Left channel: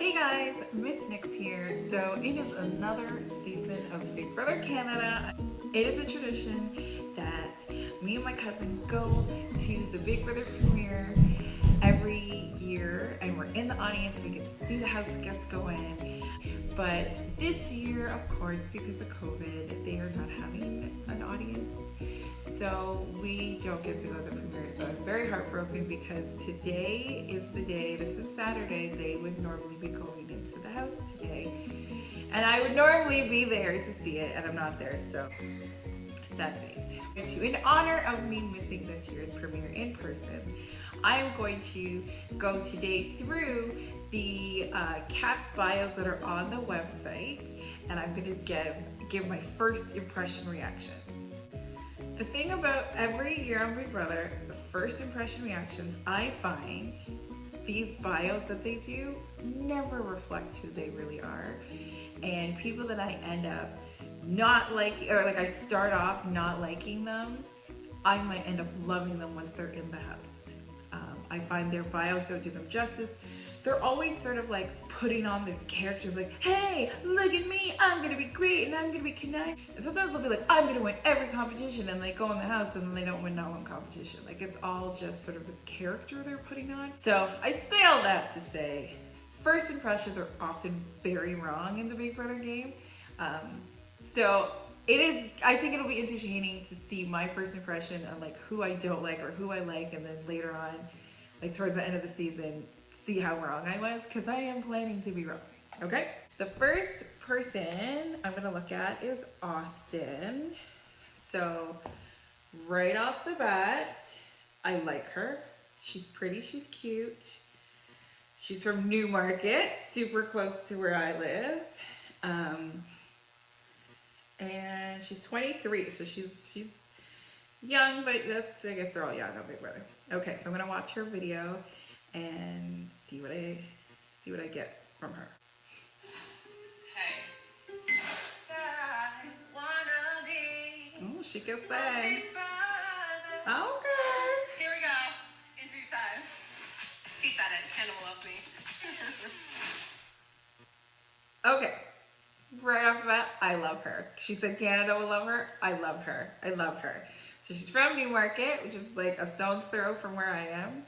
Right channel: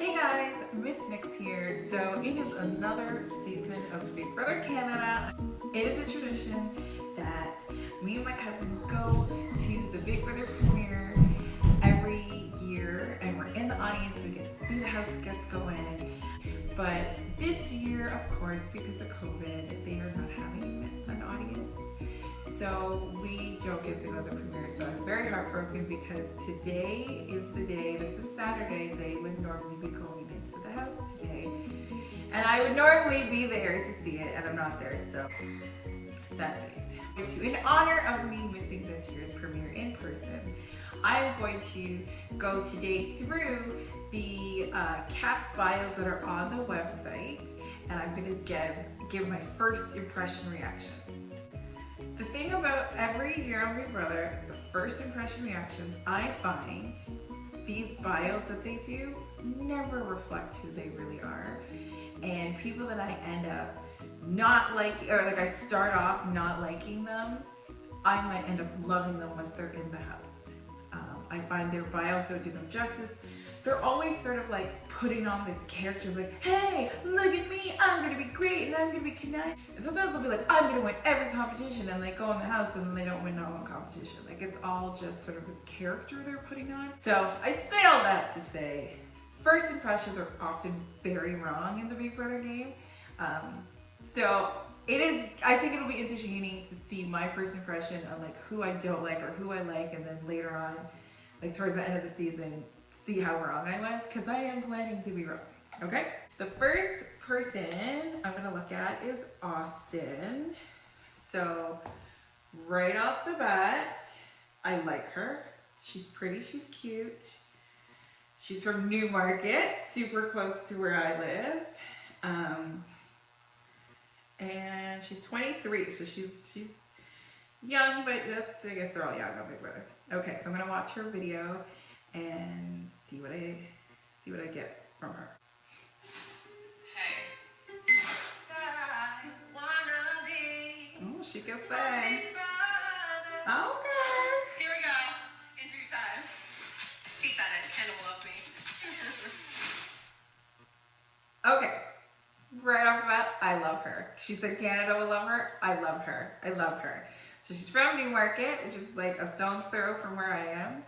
Hey guys, Miss Nixx here. So it is another season of Big Brother Canada. It is a tradition that me and my cousin go to the Big Brother premiere every year, and we're in the audience. We get to see the house guests go in. But this year, of course, because of COVID, they are not having an audience. So we don't get to go to the premiere. So I'm very heartbroken because today is the day, this is Saturday, they would normally be going into the house today. And I would normally be there to see it, and I'm not there, so sad face. In honor of me missing this year's premiere in person, I'm going to go today through the cast bios that are on the website, and I'm going to give my first impression reaction. The thing about every year on Big Brother, the first impression reactions, I find these bios that they do never reflect who they really are. And people that I end up not liking, or like I start off not liking them, I might end up loving them once they're in the house. I find their bios don't do them justice. They're always sort of like putting on this character of like, hey, look at me, I'm gonna be great and I'm gonna be connected. And sometimes they'll be like, I'm gonna win every competition, and they go in the house and then they don't win not one competition. Like, it's all just sort of this character they're putting on. So I say all that to say, first impressions are often very wrong in the Big Brother game. So I think it'll be entertaining to see my first impression on like who I don't like or who I like, and then later on, like towards the end of the season, see how wrong I was, because I am planning to be wrong, okay? The first person I'm gonna look at is Austin. So right off the bat, I like her. She's pretty, she's cute. She's from Newmarket, super close to where I live. And she's 23, so she's young, but I guess they're all young on Big Brother. Okay, so I'm gonna watch her video and see what I get from her. Hey. I wanna be. Oh, she can sing. Okay. Here we go. Interview time. She said it. Hannah will love me. Okay. Right off the bat, I love her. She said Canada will love her. I love her. I love her. So she's from Newmarket, which is like a stone's throw from where I am.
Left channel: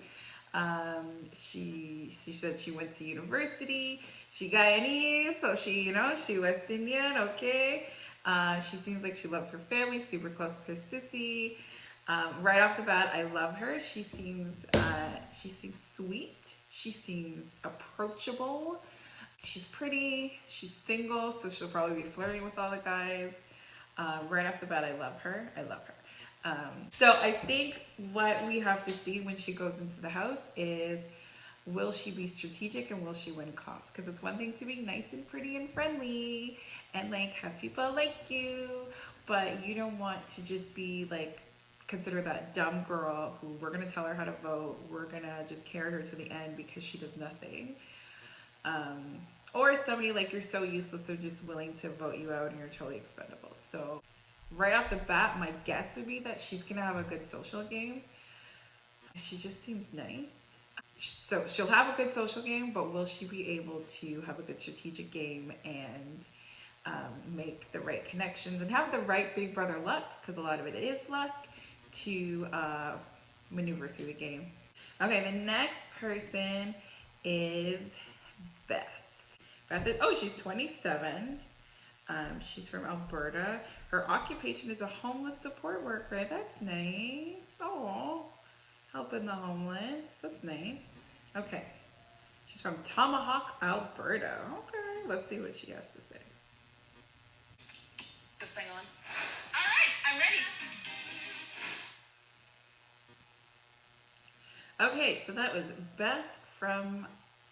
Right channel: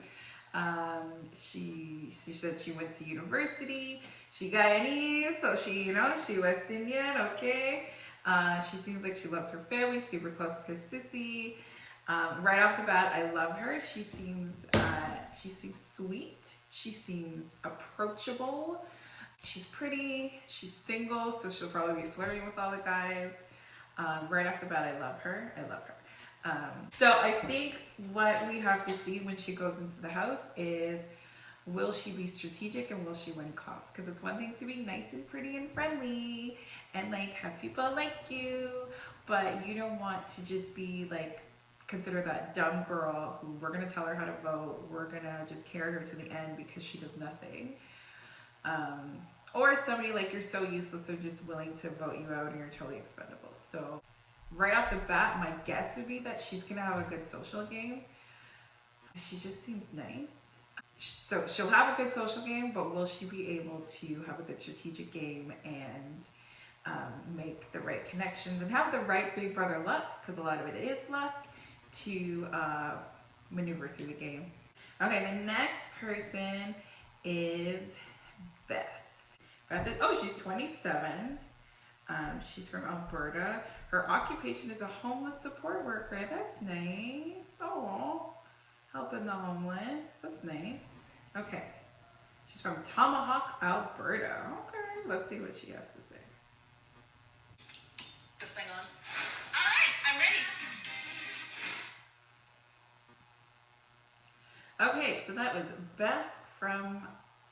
She said she went to university. She Guyanese, so she West Indian, okay. She seems like she loves her family, super close with her sissy. Right off the bat, I love her. She seems sweet. She seems approachable. She's pretty. She's single, so she'll probably be flirting with all the guys. Right off the bat, I love her. I love her. So I think what we have to see when she goes into the house is, will she be strategic and will she win comps? Because it's one thing to be nice and pretty and friendly and like have people like you, but you don't want to just be like, consider that dumb girl who we're going to tell her how to vote. We're going to just carry her to the end because she does nothing. Or somebody like, you're so useless, they're just willing to vote you out and you're totally expendable. So right off the bat, my guess would be that she's gonna have a good social game. She just seems nice. So she'll have a good social game, but will she be able to have a good strategic game and make the right connections and have the right Big Brother luck, because a lot of it is luck, to maneuver through the game. Okay, the next person is Beth. She's 27. She's from Alberta. Her occupation is a homeless support worker. That's nice. Oh, helping the homeless. That's nice. Okay. She's from Tomahawk, Alberta. Okay, let's see what she has to say. Is this thing on? All right, I'm ready. Okay, so that was Beth from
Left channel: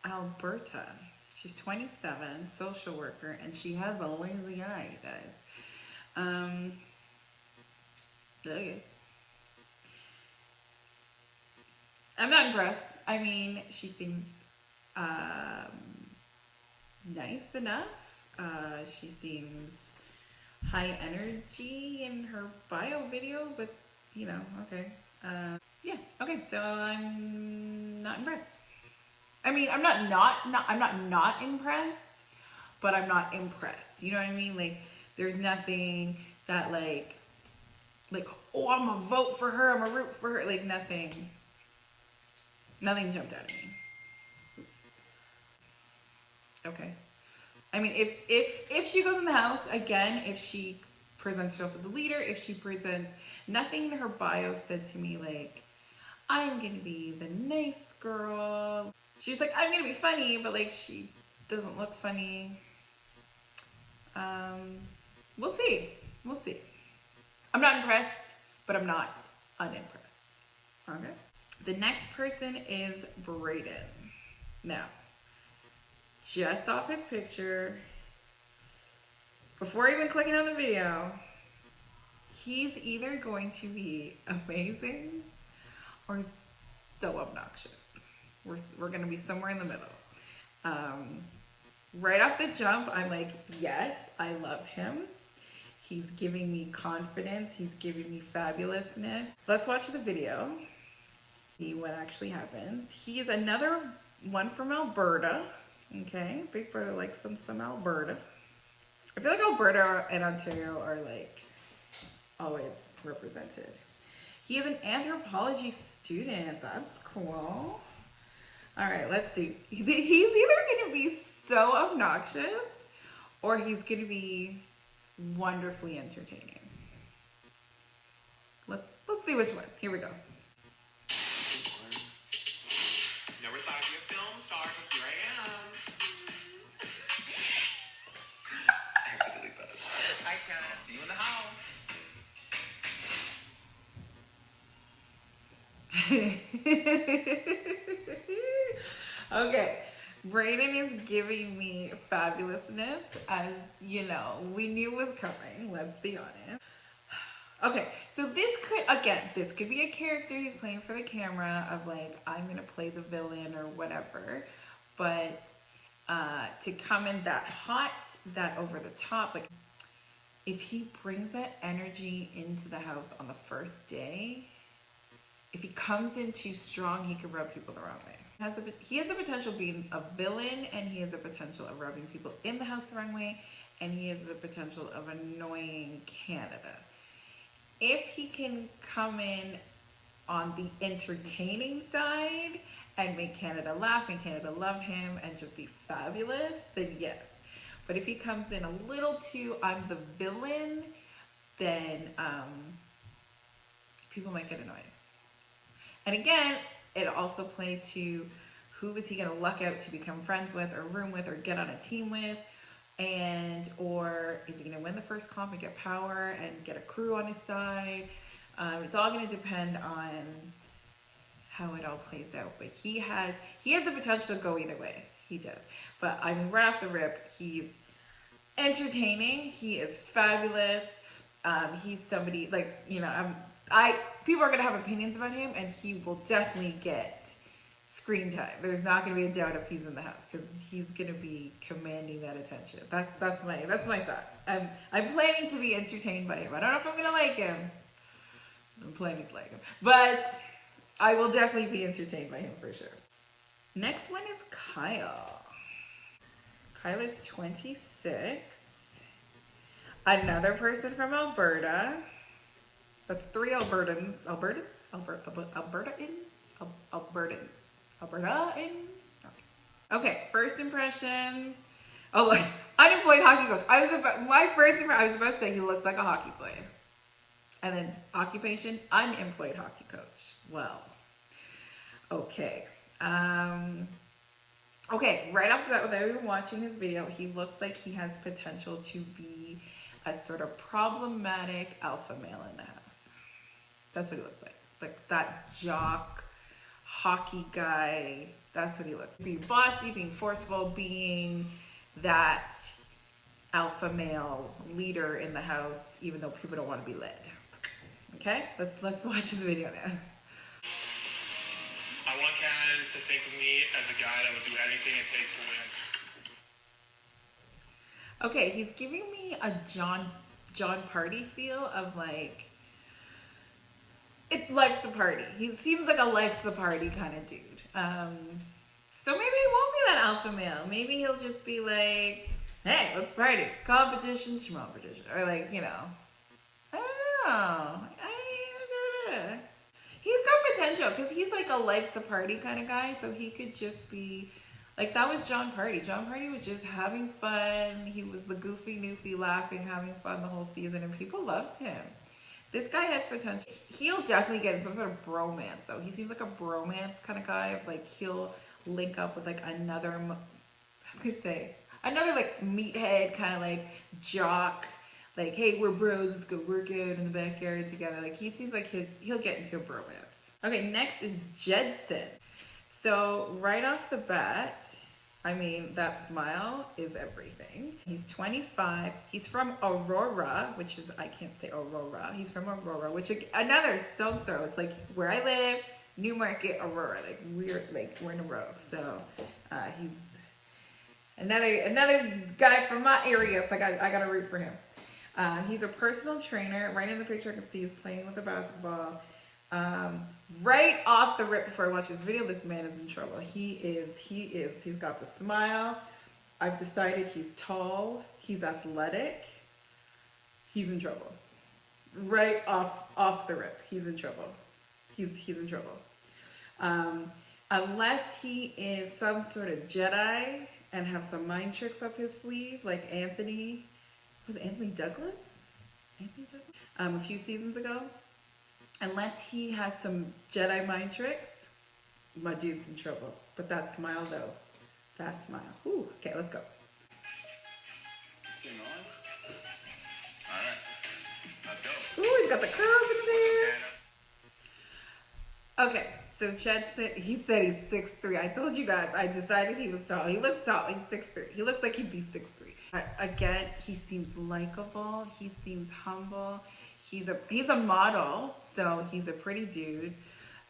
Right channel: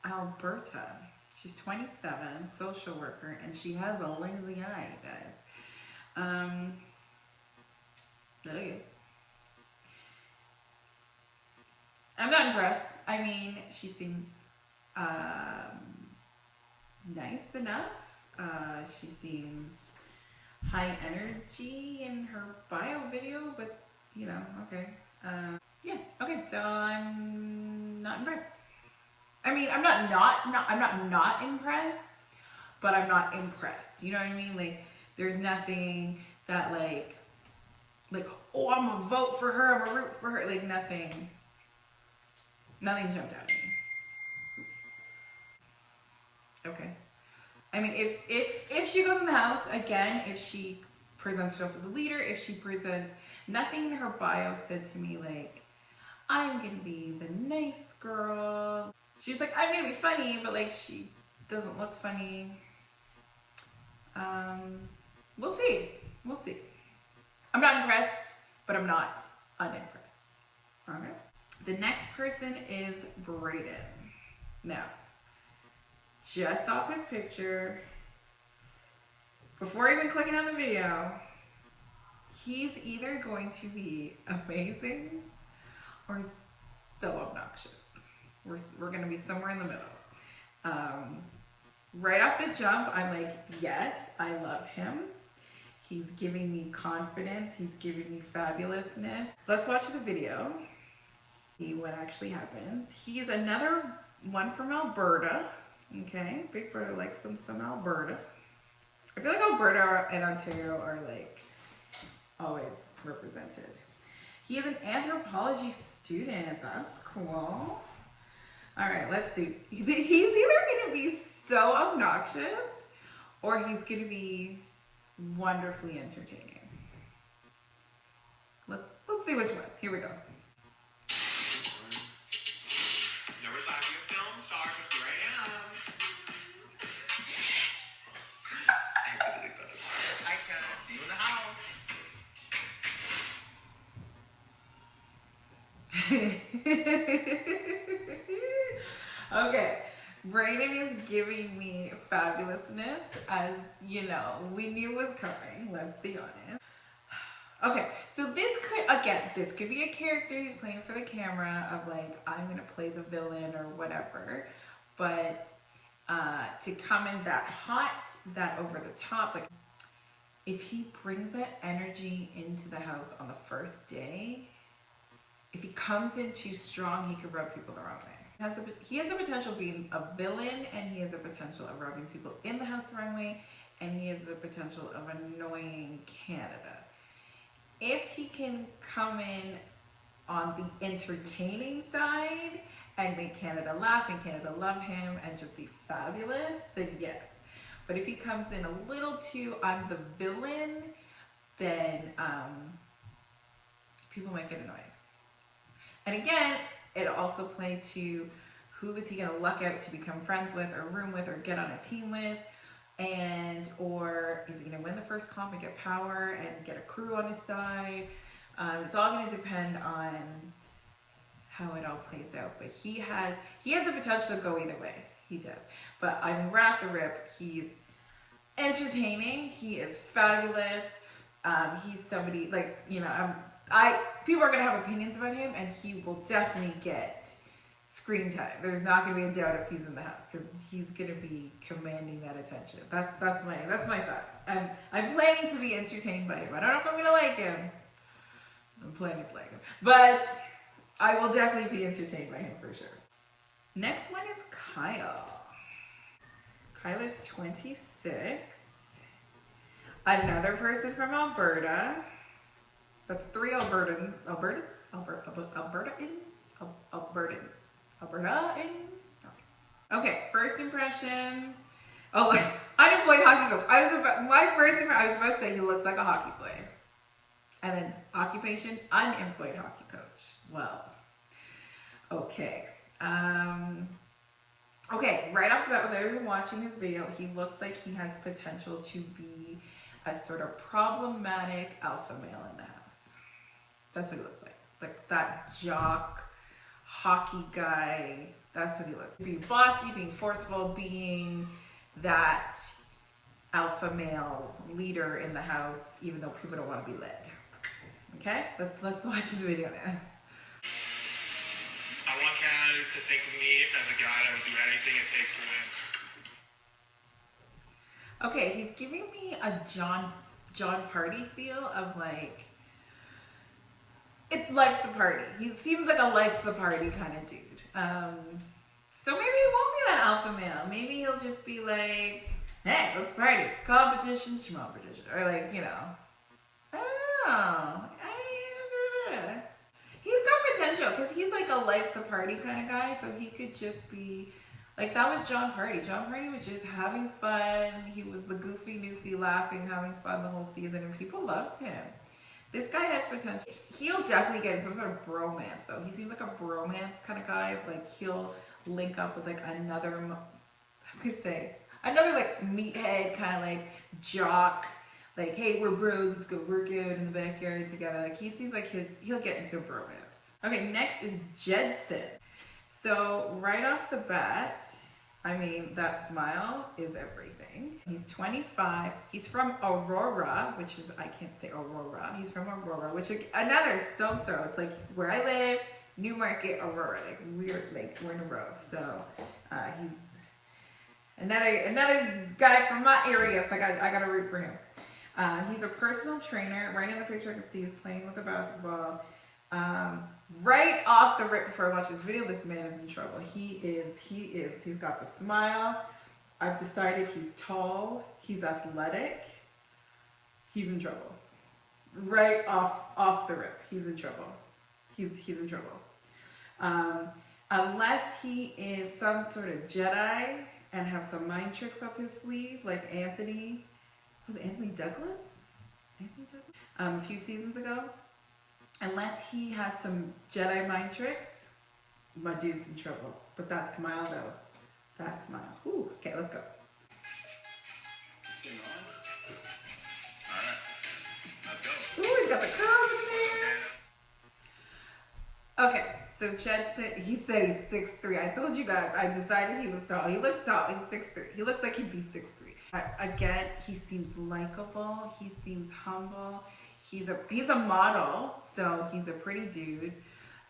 Alberta. She's 27, social worker, and she has a lazy eye, you guys. Okay. I'm not impressed. I mean, she seems nice enough. She seems high energy in her bio video, but okay. Yeah, okay, so I'm not impressed. I mean, I'm not impressed, but I'm not impressed. You know what I mean? Like, there's nothing that like, oh, I'm gonna vote for her, I'm gonna root for her. Like, nothing jumped out at me. Oops. Okay. I mean, if she goes in the house again, if she presents herself as a leader, if she presents, nothing in her bio said to me like, I'm gonna be the nice girl. She's like, I'm gonna be funny, but like she doesn't look funny. We'll see. We'll see. I'm not impressed, but I'm not unimpressed. Okay. The next person is Brayden. Now, just off his picture, before even clicking on the video, he's either going to be amazing or so obnoxious. We're gonna be somewhere in the middle. Right off the jump, I'm like, yes, I love him. He's giving me confidence. He's giving me fabulousness. Let's watch the video. See what actually happens. He's another one from Alberta. Okay, Big Brother likes some Alberta. I feel like Alberta and Ontario are like always represented. He is an anthropology student. That's cool. All right, let's see. He's either going to be so obnoxious or he's going to be wonderfully entertaining. Let's see which one. Here we go. Never thought I'd be a film star, but here I am. I have to delete this. I can. I'll see you in the house. Okay, Brayden is giving me fabulousness, as you know, we knew was coming, let's be honest. Okay, so this could be a character he's playing for the camera of like, I'm gonna play the villain or whatever, but to come in that hot, that over the top, like if he brings that energy into the house on the first day, if he comes in too strong, he could rub people the wrong way. He has a potential of being a villain, and he has a potential of rubbing people in the house the wrong way, and he has the potential of annoying Canada. If he can come in on the entertaining side and make Canada laugh, make Canada love him, and just be fabulous, then yes. But if he comes in a little too, I'm the villain, then people might get annoyed. And again, it also played to who is he going to luck out to become friends with or room with or get on a team with, or is he going to win the first comp and get power and get a crew on his side? It's all going to depend on how it all plays out. But he has the potential to go either way. He does. But I mean, right off the rip, he's entertaining. He is fabulous. He's somebody like, you know, people are gonna have opinions about him, and he will definitely get screen time. There's not gonna be a doubt if he's in the house because he's gonna be commanding that attention. That's my thought. I'm planning to be entertained by him. I don't know if I'm gonna like him. I'm planning to like him, but I will definitely be entertained by him for sure. Next one is Kyle. Kyle is 26. Another person from Alberta. That's 3 Albertans. Albertans? Okay, first impression. Oh, unemployed hockey coach. I was about to say he looks like a hockey player. And then occupation, unemployed hockey coach. Well, okay. Okay, right off the bat, without even watching his video, he looks like he has potential to be a sort of problematic alpha male in the house. That's what he looks like. Like that jock, hockey guy. That's what he looks like. Being bossy, being forceful, being that alpha male leader in the house, even though people don't want to be led. Okay, let's watch this video now. I want Canada to think of me as a guy that would do anything it takes to win. Okay, he's giving me a John Party feel of like, life's a party. He seems like a life's a party kind of dude. So maybe he won't be that alpha male. Maybe he'll just be like, hey, let's party. Competition, schmompetition. Or like, you know. I don't know. He's got potential because he's like a life's a party kind of guy. So he could just be like, that was John Party. John Party was just having fun. He was the goofy, goofy, laughing, having fun the whole season. And people loved him. This guy has potential. He'll definitely get in some sort of bromance though. He seems like a bromance kind of guy. Like he'll link up with like another, I was gonna say, another like meathead kind of like jock. Like, hey, we're bros, let's go work out in the backyard together. Like he seems like he'll get into a bromance. Okay, next is Jedson. So right off the bat, I mean, that smile is everything. He's 25. He's from Aurora, which is, I can't say Aurora. He's from Aurora, which another stone's throw. It's like where I live, Newmarket, Aurora. Like we're in a row. So he's another guy from my area. So I got to root for him. He's a personal trainer. Right in the picture, I can see he's playing with a basketball. Right off the rip before I watch this video, this man is in trouble. He is. He's got the smile. I've decided he's tall. He's athletic. He's in trouble. Right off the rip, he's in trouble. He's in trouble. Unless he is some sort of Jedi and have some mind tricks up his sleeve, like Anthony. Was it Anthony Douglas? A few seasons ago. Unless he has some Jedi mind tricks, my dude's in trouble. But that smile though, that smile. Ooh, okay, let's go. Sing on. All right, let's go. Ooh, he's got the curls in his hair. Okay, so Jedson, he said he's 6'3". I told you guys, I decided he was tall. He looks tall, he's 6'3". He looks like he'd be 6'3". Again, he seems likable. He seems humble. He's a model, so he's a pretty dude.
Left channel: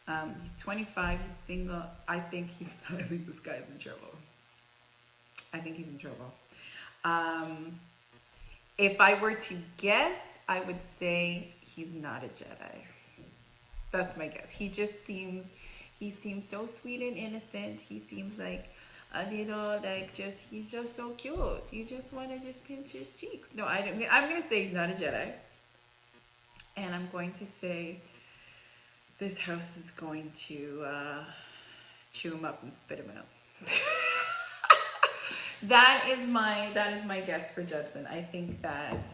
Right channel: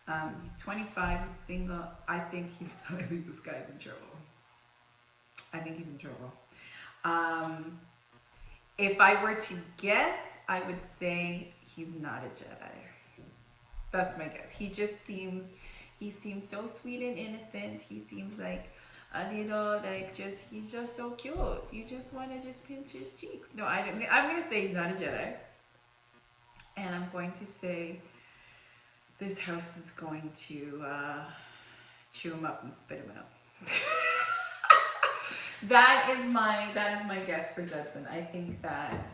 He's 25. He's single. I think this guy's in trouble. I think he's in trouble. If I were to guess, I would say he's not a Jedi. That's my guess. He seems so sweet and innocent. He seems like a little he's just so cute. You just want to just pinch his cheeks. No, I'm gonna say he's not a Jedi. And I'm going to say this house is going to chew him up and spit him out. That is my guess for Jedson. I think that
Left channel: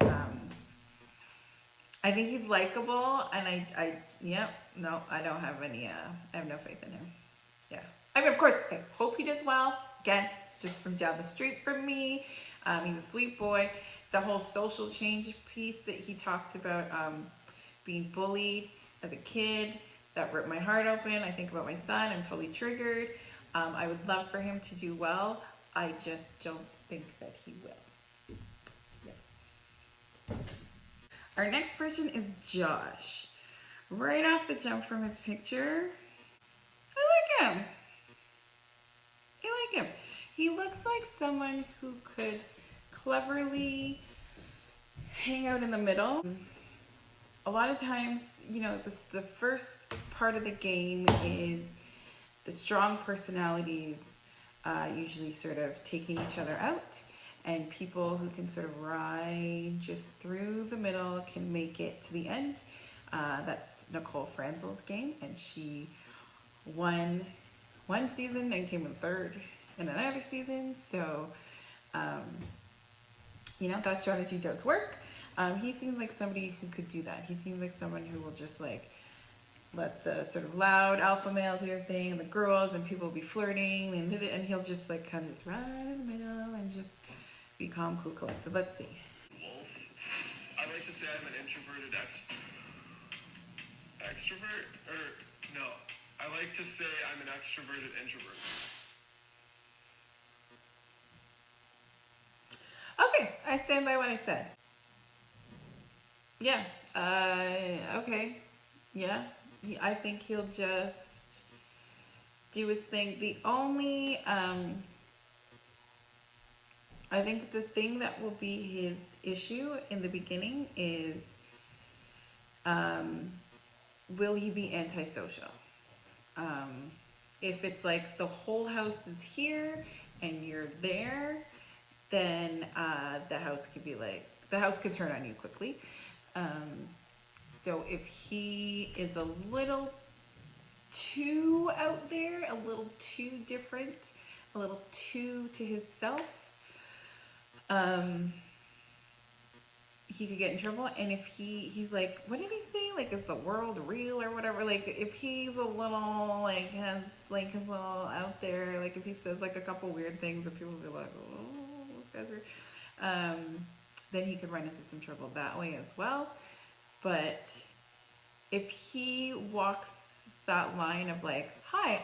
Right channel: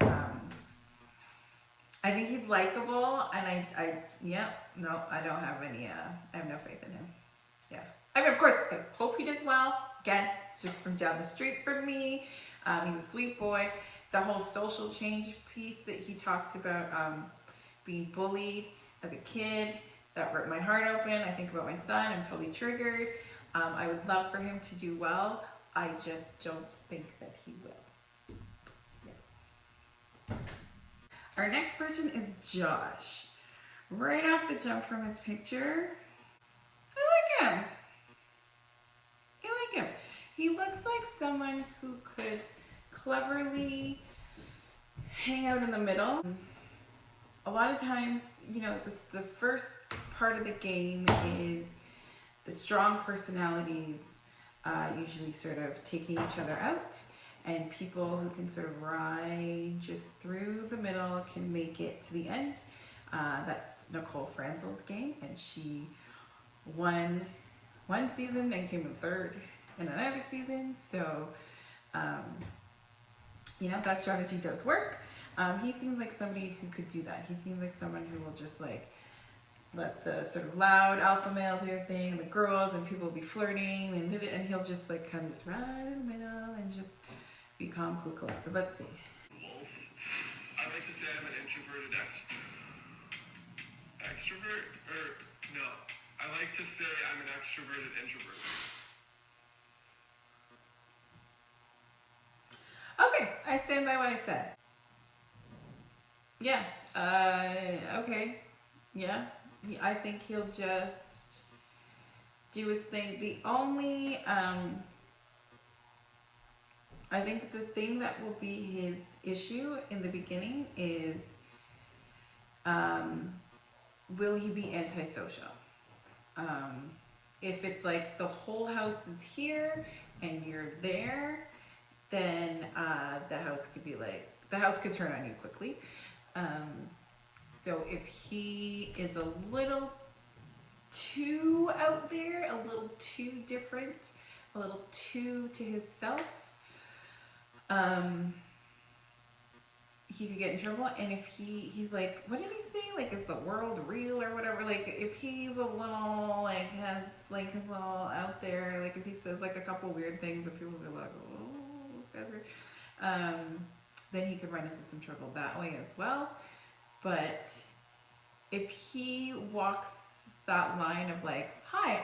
I think he's likable, and I don't have any. I have no faith in him. Yeah, I mean, of course, I hope he does well. Again, it's just from down the street from me. He's a sweet boy. The whole social change piece that he talked about, being bullied as a kid, that ripped my heart open. I think about my son. I'm totally triggered. I would love for him to do well. I just don't think that he will. Yeah. Our next person is Josh. Right off the jump from his picture, I like him. He looks like someone who could cleverly hang out in the middle. A lot of times, you know, the first part of the game is the strong personalities usually sort of taking each other out, and people who can sort of ride just through the middle can make it to the end. That's Nicole Franzel's game, and she won one season and came in third in another season. So, you know, that strategy does work. He seems like somebody who could do that. He seems like someone who will just like let the sort of loud alpha males do their thing, and the girls and people will be flirting, and he'll just like kind of just run in the middle and just be calm, cool, collected. Let's see. I like to say I'm an introverted extrovert, or no, I like to say I'm an extroverted introvert. Okay, I stand by what I said. Yeah. Okay. Yeah. I think he'll just do his thing. The only, I think the thing that will be his issue in the beginning is, will he be antisocial? If it's like the whole house is here and you're there, then the house could be like, the house could turn on you quickly. So if he is a little too out there, a little too different, a little too to himself, he could get in trouble. And if he's like, what did he say? Like, is the world real or whatever? Like, if he's a little, like, has, like, his little out there, like, if he says, like, a couple weird things and people will be like, oh, this guy's weird, then he could run into some trouble that way as well. But if he walks that line of, like, hi,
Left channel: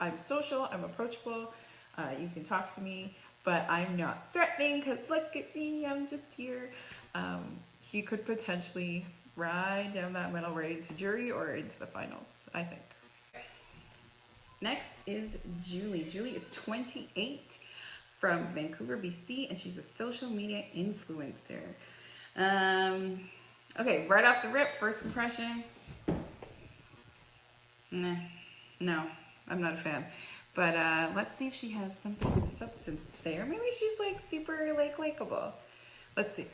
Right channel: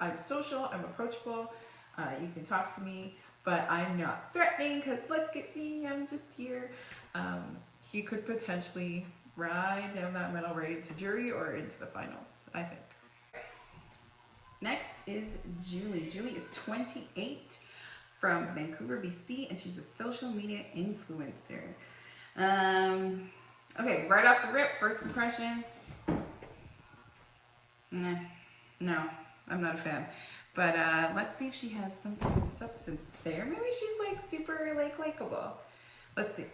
I'm social, I'm approachable, you can talk to me, but I'm not threatening because look at me, I'm just here. He could potentially ride down that middle right into jury or into the finals, I think. Next is Julie. Julie is 28 from Vancouver, BC, and she's a social media influencer. Okay, right off the rip, first impression. No, I'm not a fan. But let's see if she has something of substance to say, or maybe she's like super like likable. Let's see.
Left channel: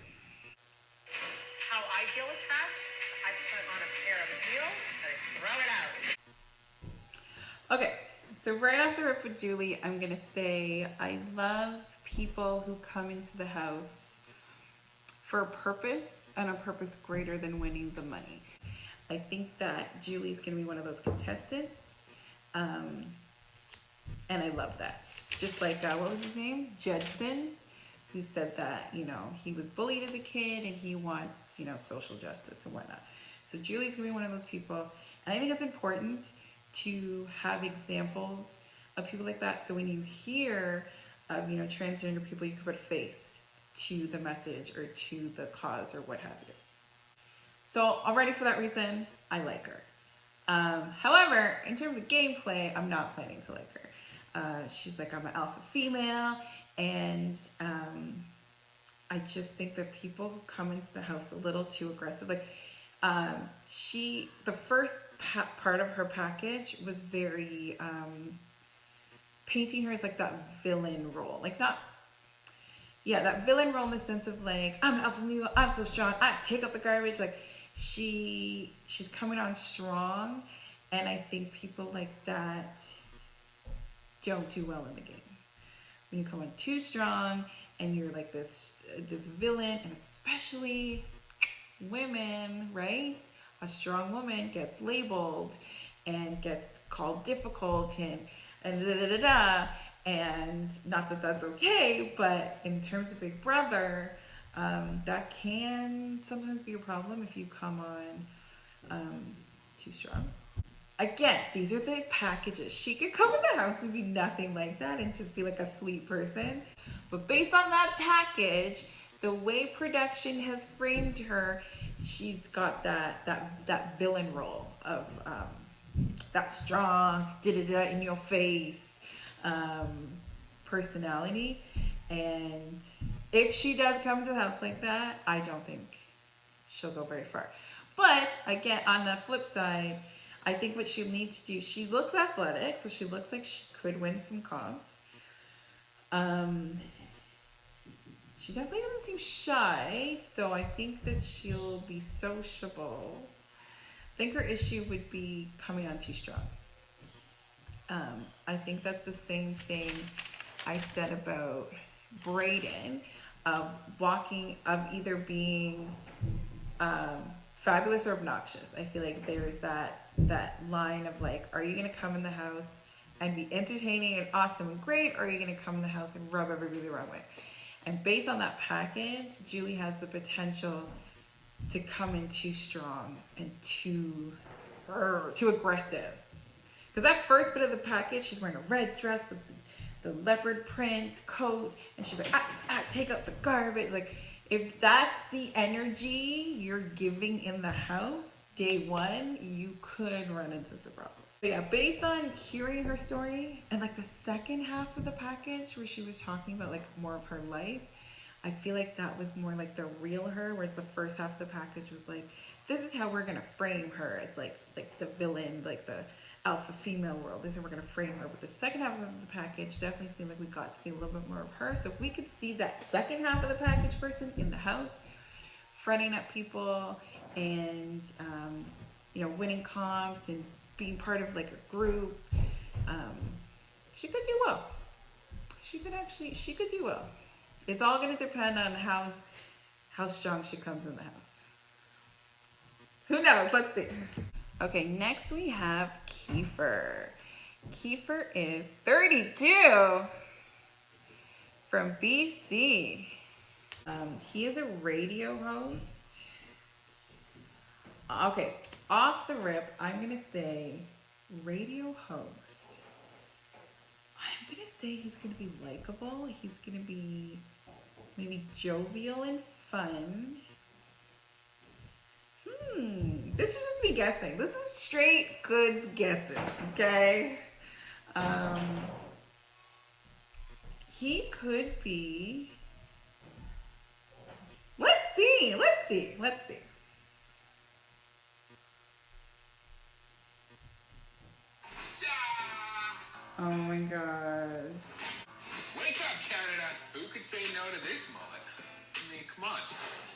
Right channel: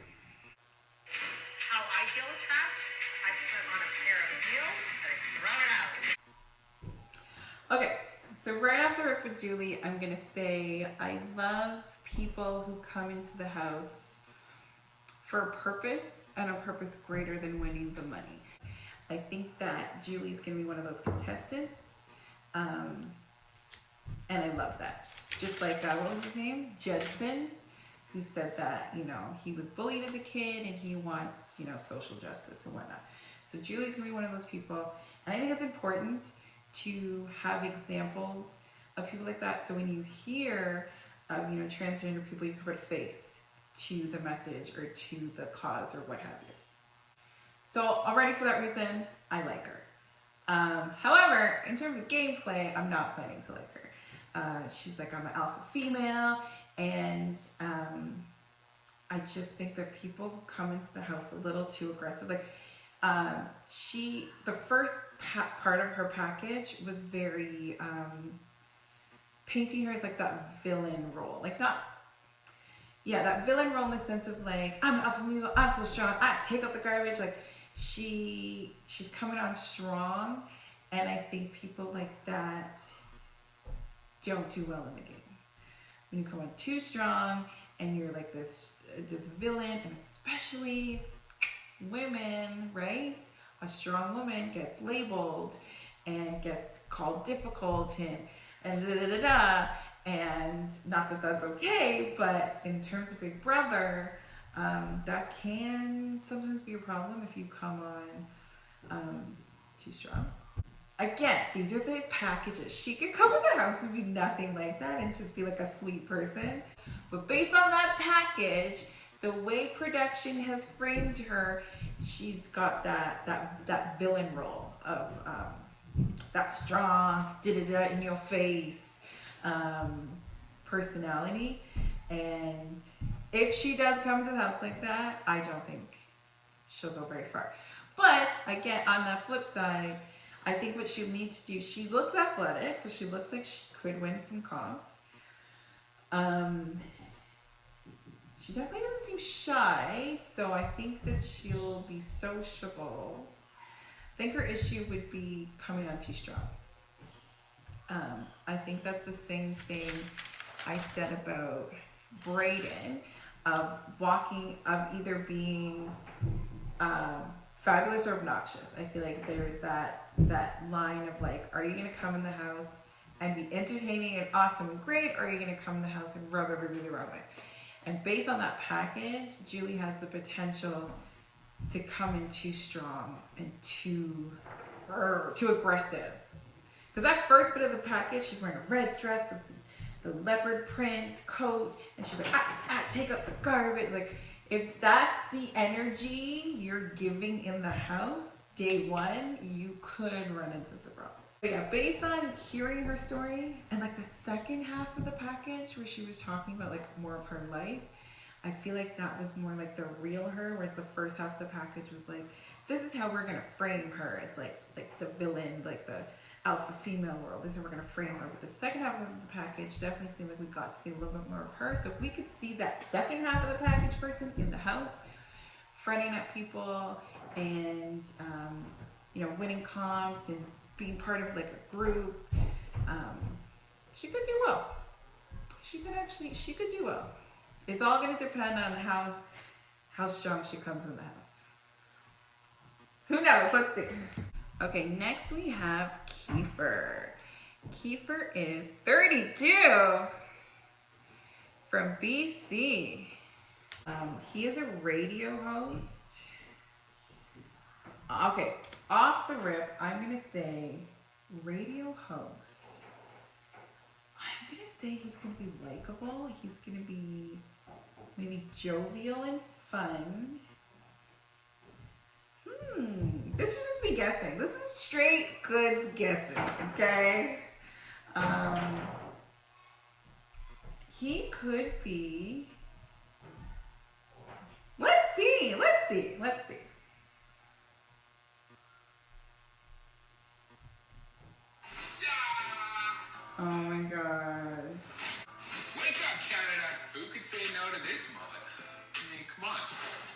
How I deal with trash, I put on a pair of heels and I throw it out. Okay, so right off the rip with Julie, I'm gonna say I love people who come into the house for a purpose and a purpose greater than winning the money. I think that Julie's gonna be one of those contestants, and I love that. Just like, what was his name? Judson, who said that, you know, he was bullied as a kid and he wants, you know, social justice and whatnot. So Julie's gonna be one of those people. And I think it's important to have examples of people like that. So when you hear of, you know, transgender people, you can put a face to the message or to the cause or what have you. So already for that reason, I like her. However, in terms of gameplay, I'm not planning to like her. She's like, I'm an alpha female, and I just think that people come into the house a little too aggressive. Like, the first part of her package was very painting her as like that villain role. Like, that villain role in the sense of like, I'm an alpha female, I'm so strong, I take out the garbage. Like, she's coming on strong, and I think people like that don't do well in the game. When you come on too strong and you're like this villain, and especially women, right? A strong woman gets labeled and gets called difficult and da da da da. And not that that's okay, but in terms of Big Brother, that can sometimes be a problem if you come on too strong. Again, these are the packages. She could come in the house and be nothing like that and just be like a sweet person. But based on that package, the way production has framed her, she's got that villain role of that strong, da-da-da in your face personality. And if she does come to the house like that, I don't think she'll go very far. But again, on the flip side, I think what she needs to do, she looks athletic, so she looks like she could win some comps. She definitely doesn't seem shy, so I think that she'll be sociable. I think her issue would be coming on too strong. I think that's the same thing I said about Brayden, of either being fabulous or obnoxious. I feel like there's that line of like, are you gonna come in the house and be entertaining and awesome and great, or are you gonna come in the house and rub everybody the wrong way? And based on that package, Julie has the potential to come in too strong and too aggressive. Because that first bit of the package, she's wearing a red dress with the leopard print coat, and she's like, take out the garbage. Like, if that's the energy you're giving in the house, day one, you could run into some problems. But yeah, based on hearing her story and like the second half of the package where she was talking about like more of her life, I feel like that was more like the real her, whereas the first half of the package was like, this is how we're gonna frame her as like the villain, like alpha female world. This is how we're gonna frame her. But the second half of the package definitely seemed like we got to see a little bit more of her. So if we could see that second half of the package person in the house, fronting at people and you know, winning comps and being part of like a group, she could do well. She could do well. It's all gonna depend on how strong she comes in the house. Who knows? Let's see. Okay, next we have Kiefer. Kiefer is 32 from BC. He is a radio host. Okay, off the rip, I'm gonna say radio host. I'm gonna say he's gonna be likable. He's gonna be maybe jovial and fun. This is just me guessing. This is straight goods guessing, okay? He could be. Let's see. Oh my gosh. Wake up, Canada. Who could say no to this mullet? I mean, come on.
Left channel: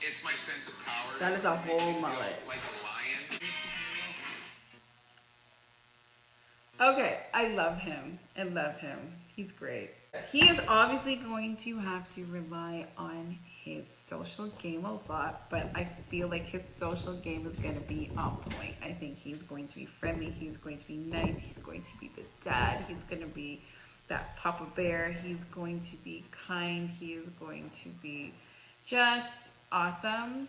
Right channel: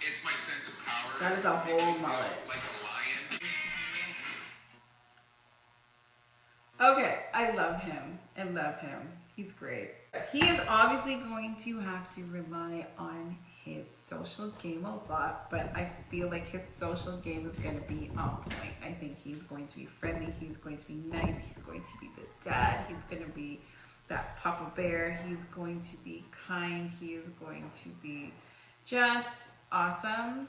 It's my sense of power. That is a Makes me whole feel mullet. like a lion. Okay, I love him. He's great. He is obviously going to have to rely on his social game a lot, but I feel like his social game is going to be on point. I think he's going to be friendly. He's going to be nice. He's going to be the dad. He's going to be that Papa Bear. He's going to be kind. He is going to be just awesome.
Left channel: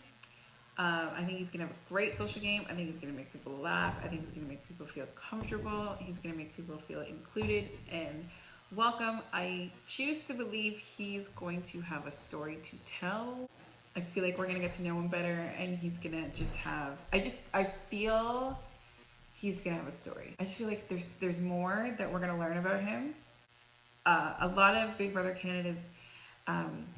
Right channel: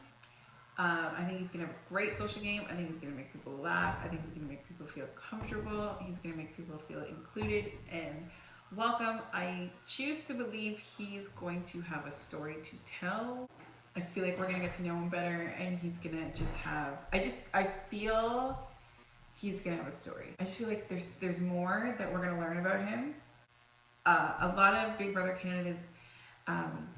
I think he's gonna have a great social game. I think he's gonna make people laugh. I think he's gonna make people feel comfortable. He's gonna make people feel included and welcome. I choose to believe he's going to have a story to tell. I feel like we're gonna get to know him better, and he's gonna just have. I feel he's gonna have a story. I just feel like there's more that we're gonna learn about him. A lot of Big Brother Canada's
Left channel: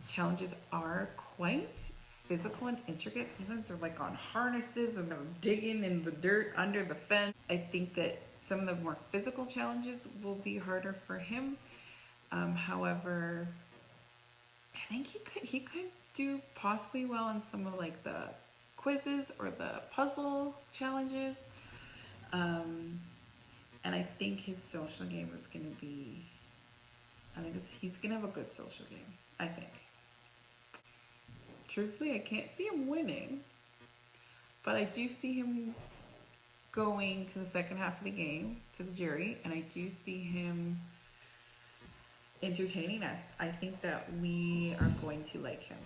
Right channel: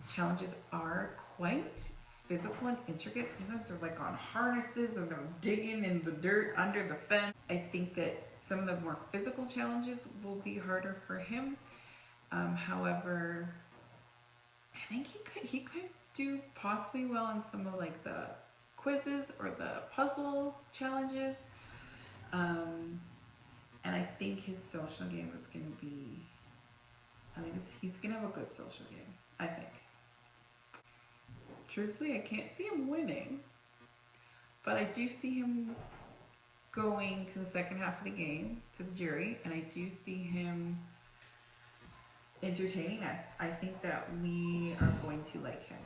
challenges are quite physical and intricate. Sometimes they're like on harnesses and they're digging in the dirt under the fence. I think that some of the more physical challenges will be harder for him. However, I think he could do possibly well on some of like the quizzes or the puzzle challenges. And I think his social game is going to be, he's going to have a good social game, I think. Truthfully, I can't see him winning, but I do see him going to the second half of the game, to the jury, and I do see him entertaining us. I think that we are going to like him.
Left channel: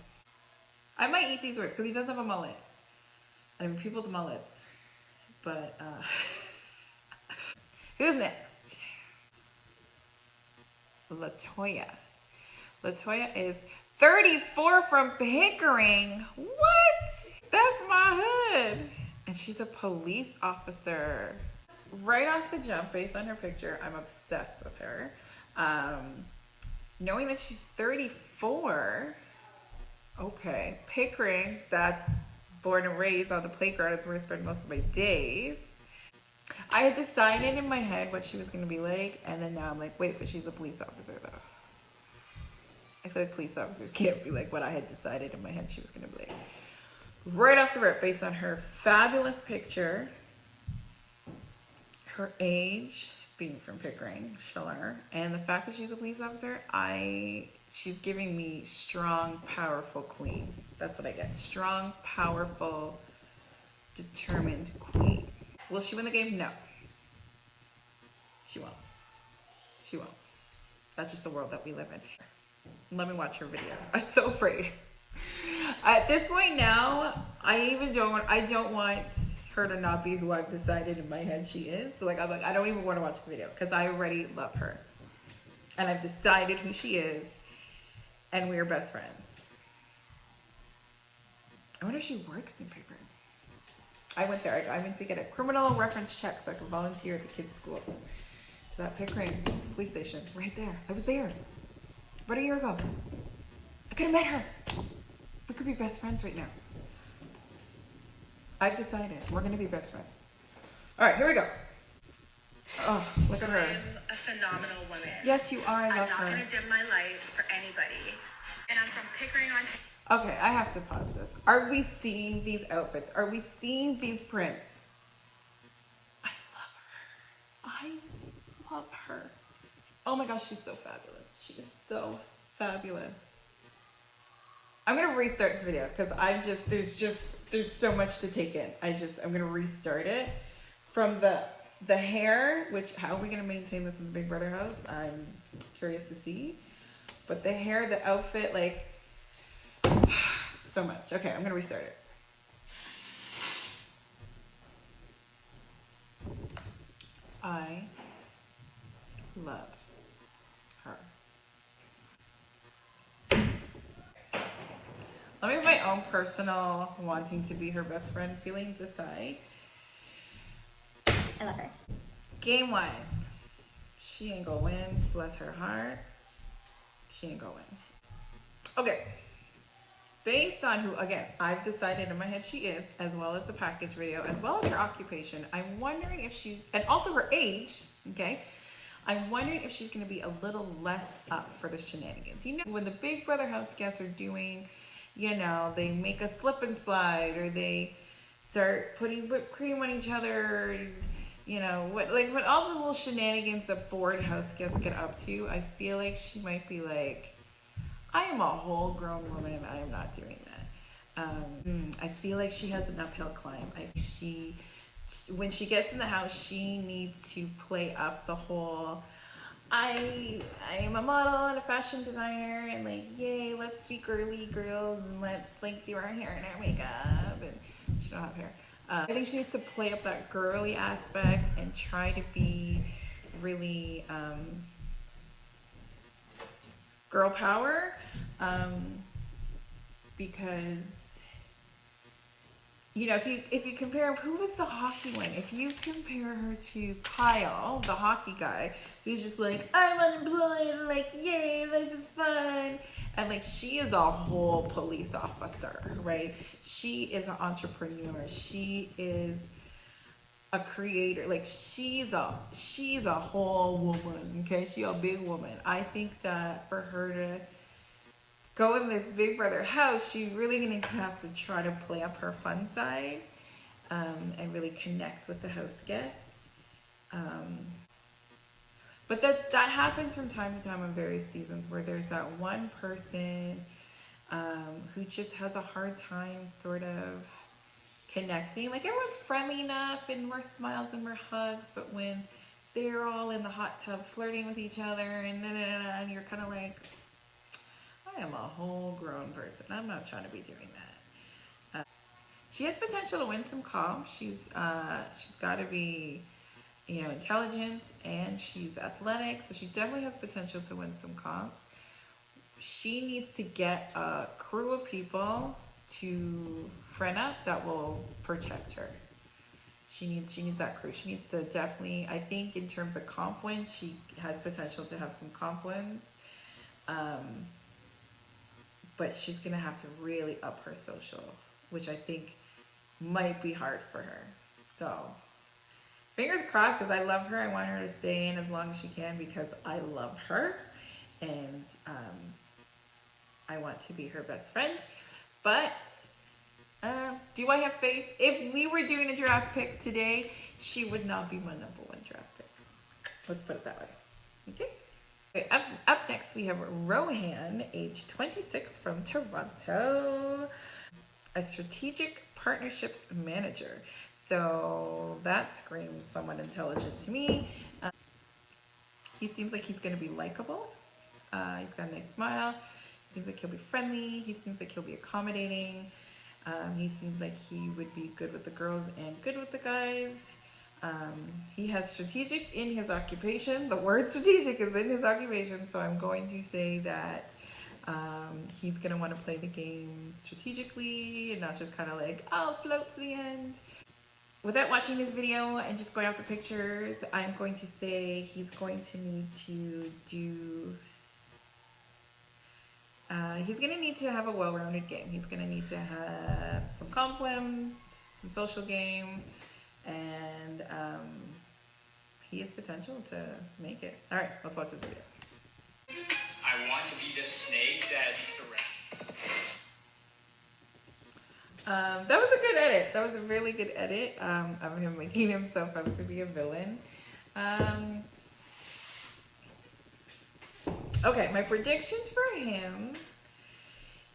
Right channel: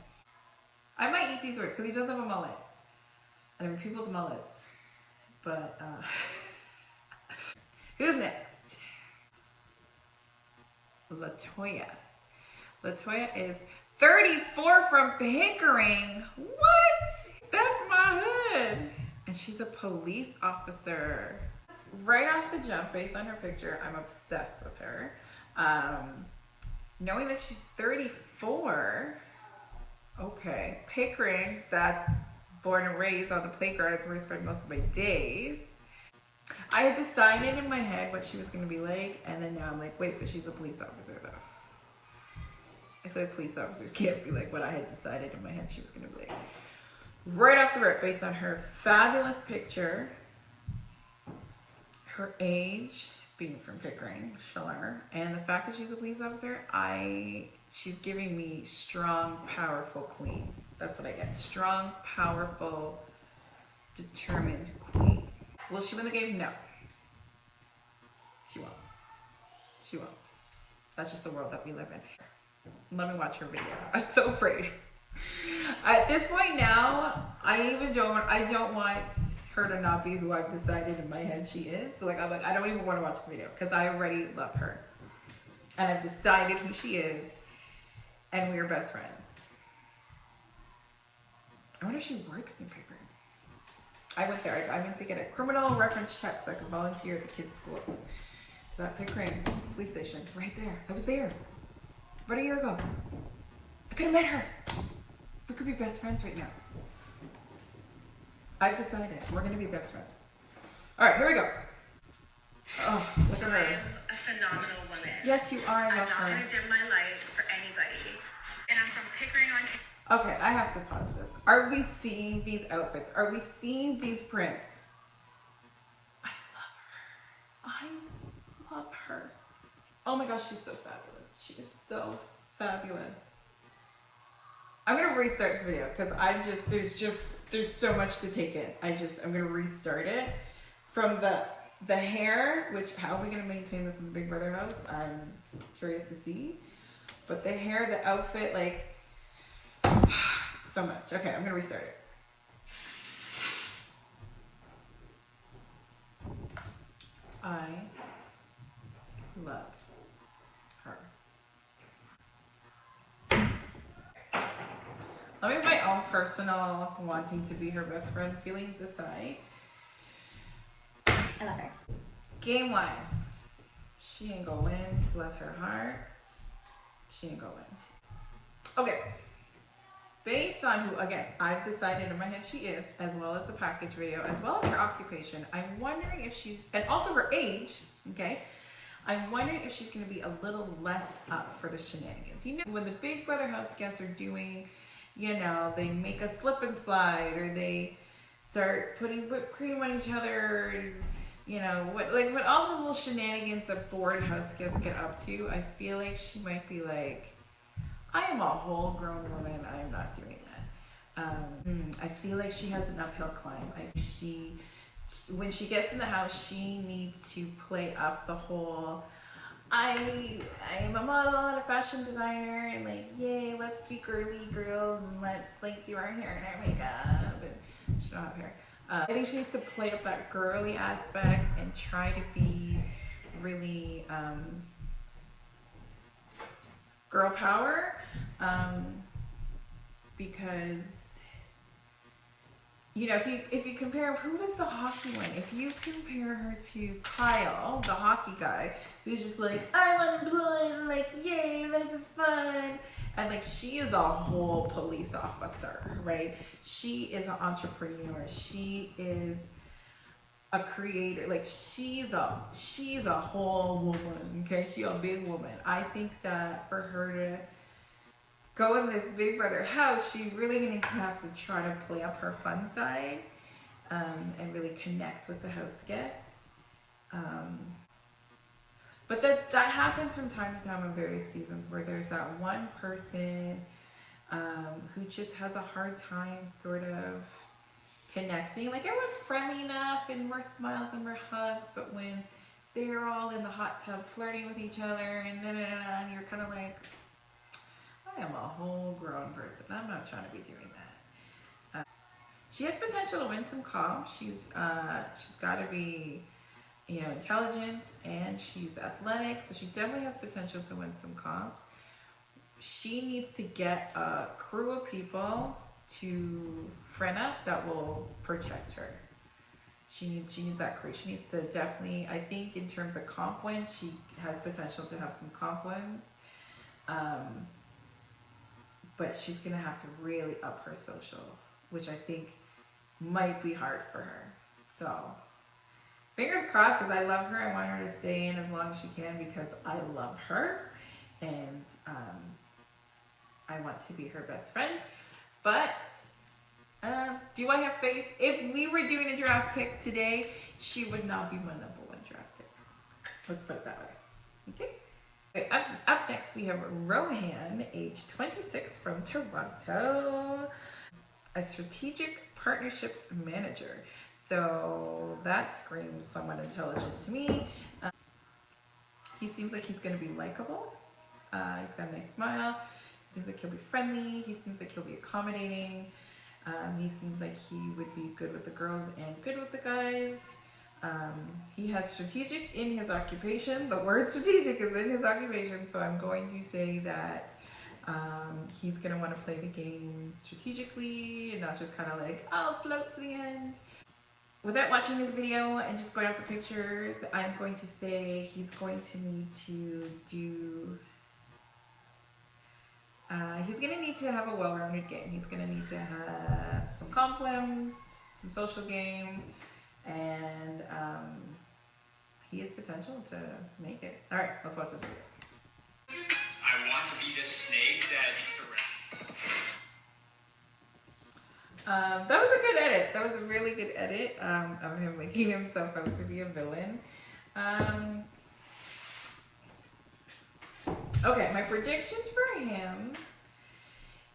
I might eat these words because he does have a mullet. I mean, people with mullets. But, who's next? Latoya. Latoya is 34 from Pickering. What? That's my hood. And she's a police officer. Right off the jump, based on her picture, I'm obsessed with her. Knowing that she's 34, okay. Pickering, that's born and raised on the playground. It's where I spend most of my days. I had decided in my head what she was going to be like, and then now I'm like, wait, but she's a police officer though. I feel like police officers can't be like what I had decided in my head she was going to be like. Right off the rip, based on her fabulous picture, her age, being from Pickering, sure, and the fact that she's a police officer, she's giving me strong, powerful queen. That's what I get. Strong, powerful, determined queen. Will she win the game? No. She won't. She won't. That's just the world that we live in. Let me watch her video. I'm so afraid. At this point now, I don't want her to not be who I've decided in my head she is. So I'm like, I don't even want to watch the video because I already love her. And I've decided who she is, and we are best friends. I wonder if she works in Pickering. I went there. I went to get a criminal reference check so I could volunteer at the kids' school. So that Pickering police station, right there. I was there. About a year ago. I could have met her. We could be best friends right now. I've decided we're gonna be best friends. All right, here we go. Oh, look at her. I'm a phenomenal woman. Yes, you are. I I'm love not her. going to dim my light for anybody. And I'm from Pickering, Ontario. Okay, I have to pause this. Are we seeing these outfits? Are we seeing these prints? I love her. I love her. Oh my gosh, she's so fabulous. She is so fabulous. I'm gonna restart this video because there's so much to take in. I'm gonna restart it from the hair, which how are we gonna maintain this in the Big Brother house? I'm curious to see. But the hair, the outfit, like so much. Okay, I'm gonna restart it. I love her. Let me put my own personal wanting to be her best friend feelings aside. I love her. Game wise, she ain't gonna win. Bless her heart. She ain't gonna win. Okay. Based on who, again, I've decided in my head she is, as well as the package video, as well as her occupation. I'm wondering if she's, and also her age, okay? I'm wondering if she's gonna be a little less up for the shenanigans. You know, when the Big Brother house guests are doing, you know, they make a slip and slide, or they start putting whipped cream on each other, you know, what, like when all the little shenanigans that bored house guests get up to, I feel like she might be like, I am a whole grown woman. I am not doing that. I feel like she has an uphill climb. When she gets in the house, she needs to play up the whole, I'm a model and a fashion designer, and like, yay, let's be girly girls, and let's like do our hair and our makeup, and she don't have hair. I think she needs to play up that girly aspect and try to be really girl power, because you know, if you compare, who was the hockey one? If you compare her to Kyle, the hockey guy, who's just like, I'm unemployed, like, yay, life is fun, and like she is a whole police officer, right? She is an entrepreneur. She is a creator. Like she's a whole woman. Okay, she's a big woman. I think that for her to go in this Big Brother house, she really gonna have to try to play up her fun side, and really connect with the house guests. But that happens from time to time in various seasons, where there's that one person who just has a hard time sort of connecting. Like everyone's friendly enough and more smiles and more hugs, but when they're all in the hot tub flirting with each other and and you're kind of like, I am a whole grown person. I'm not trying to be doing that. She has potential to win some comps. She's got to be, you know, intelligent, and she's athletic, so she definitely has potential to win some comps. She needs to get a crew of people to friend up that will protect her. She needs that crew. She needs to definitely, I think in terms of comp wins, she has potential to have some comp wins. But she's gonna have to really up her social, which I think might be hard for her. So fingers crossed, because I love her. I want her to stay in as long as she can, because I love her, and I want to be her best friend. But do I have faith? If we were doing a draft pick today, she would not be my number one draft pick. Let's put it that way. Okay. Okay, up next we have Rohan, age 26, from Toronto, a strategic partnerships manager. So that screams somewhat intelligent to me. He seems like he's going to be likable. He's got a nice smile. He seems like he'll be friendly. He seems like he'll be accommodating. He seems like he would be good with the girls and good with the guys. He has strategic in his occupation. The word strategic is in his occupation, so I'm going to say that he's going to want to play the game strategically and not just kind of like, I'll float to the end. Without watching this video and just going off the pictures, I'm going to say he's going to need to do... he's going to need to have a well-rounded game. He's going to need to have some comp wins, some social game, and he has potential to make it. All right, let's watch this video. I want to be the snake that eats the rat. That was a good edit. That was a really good edit of him making himself out to be a villain. Okay, my predictions for him.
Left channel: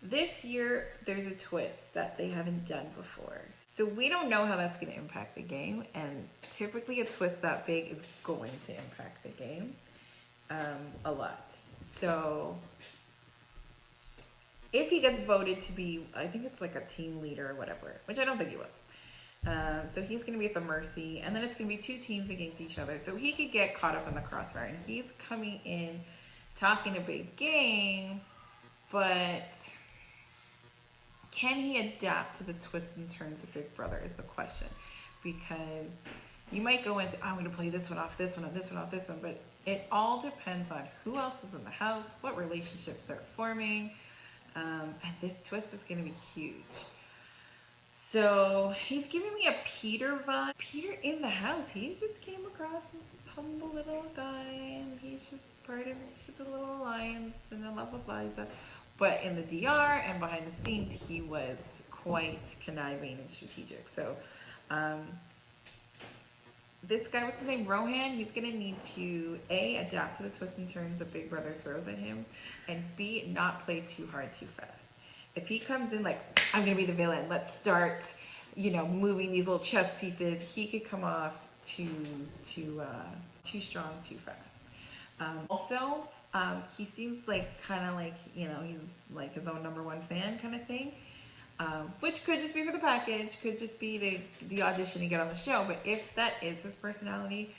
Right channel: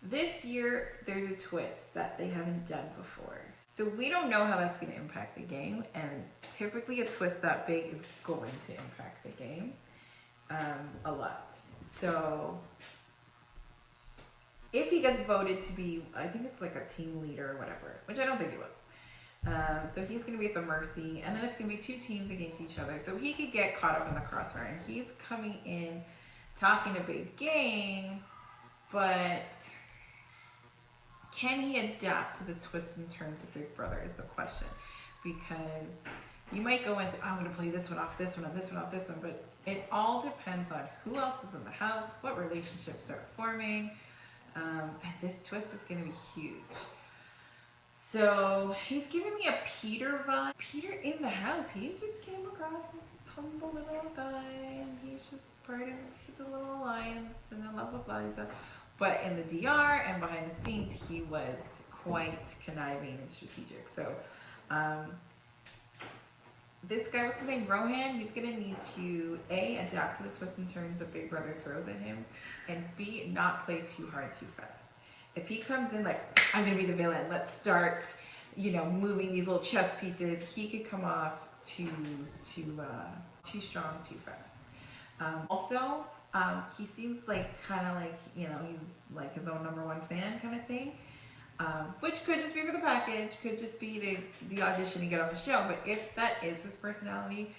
This year, there's a twist that they haven't done before. So we don't know how that's going to impact the game. And typically a twist that big is going to impact the game a lot. So if he gets voted to be, I think it's like a team leader or whatever, which I don't think he will. So he's going to be at the mercy, and then it's going to be two teams against each other. So he could get caught up in the crossfire, and he's coming in talking a big game, but can he adapt to the twists and turns of Big Brother is the question. Because you might go and say, oh, I'm going to play this one off this one, and this one off this one, but it all depends on who else is in the house, what relationships are forming, and this twist is going to be huge. So he's giving me a Peter vibe. Peter in the house, he just came across as this humble little guy, and he's just part of the little alliance and the love of Liza. But in the DR and behind the scenes, he was quite conniving and strategic. So this guy, what's his name, Rohan, he's gonna need to A, adapt to the twists and turns that Big Brother throws at him, and B, not play too hard too fast. If he comes in like, I'm gonna be the villain, let's start, moving these little chess pieces, he could come off too strong too fast. Also, he seems like kind of like, he's like his own #1 fan kind of thing, which could just be for the package, could just be the audition to get on the show. But if that is his personality,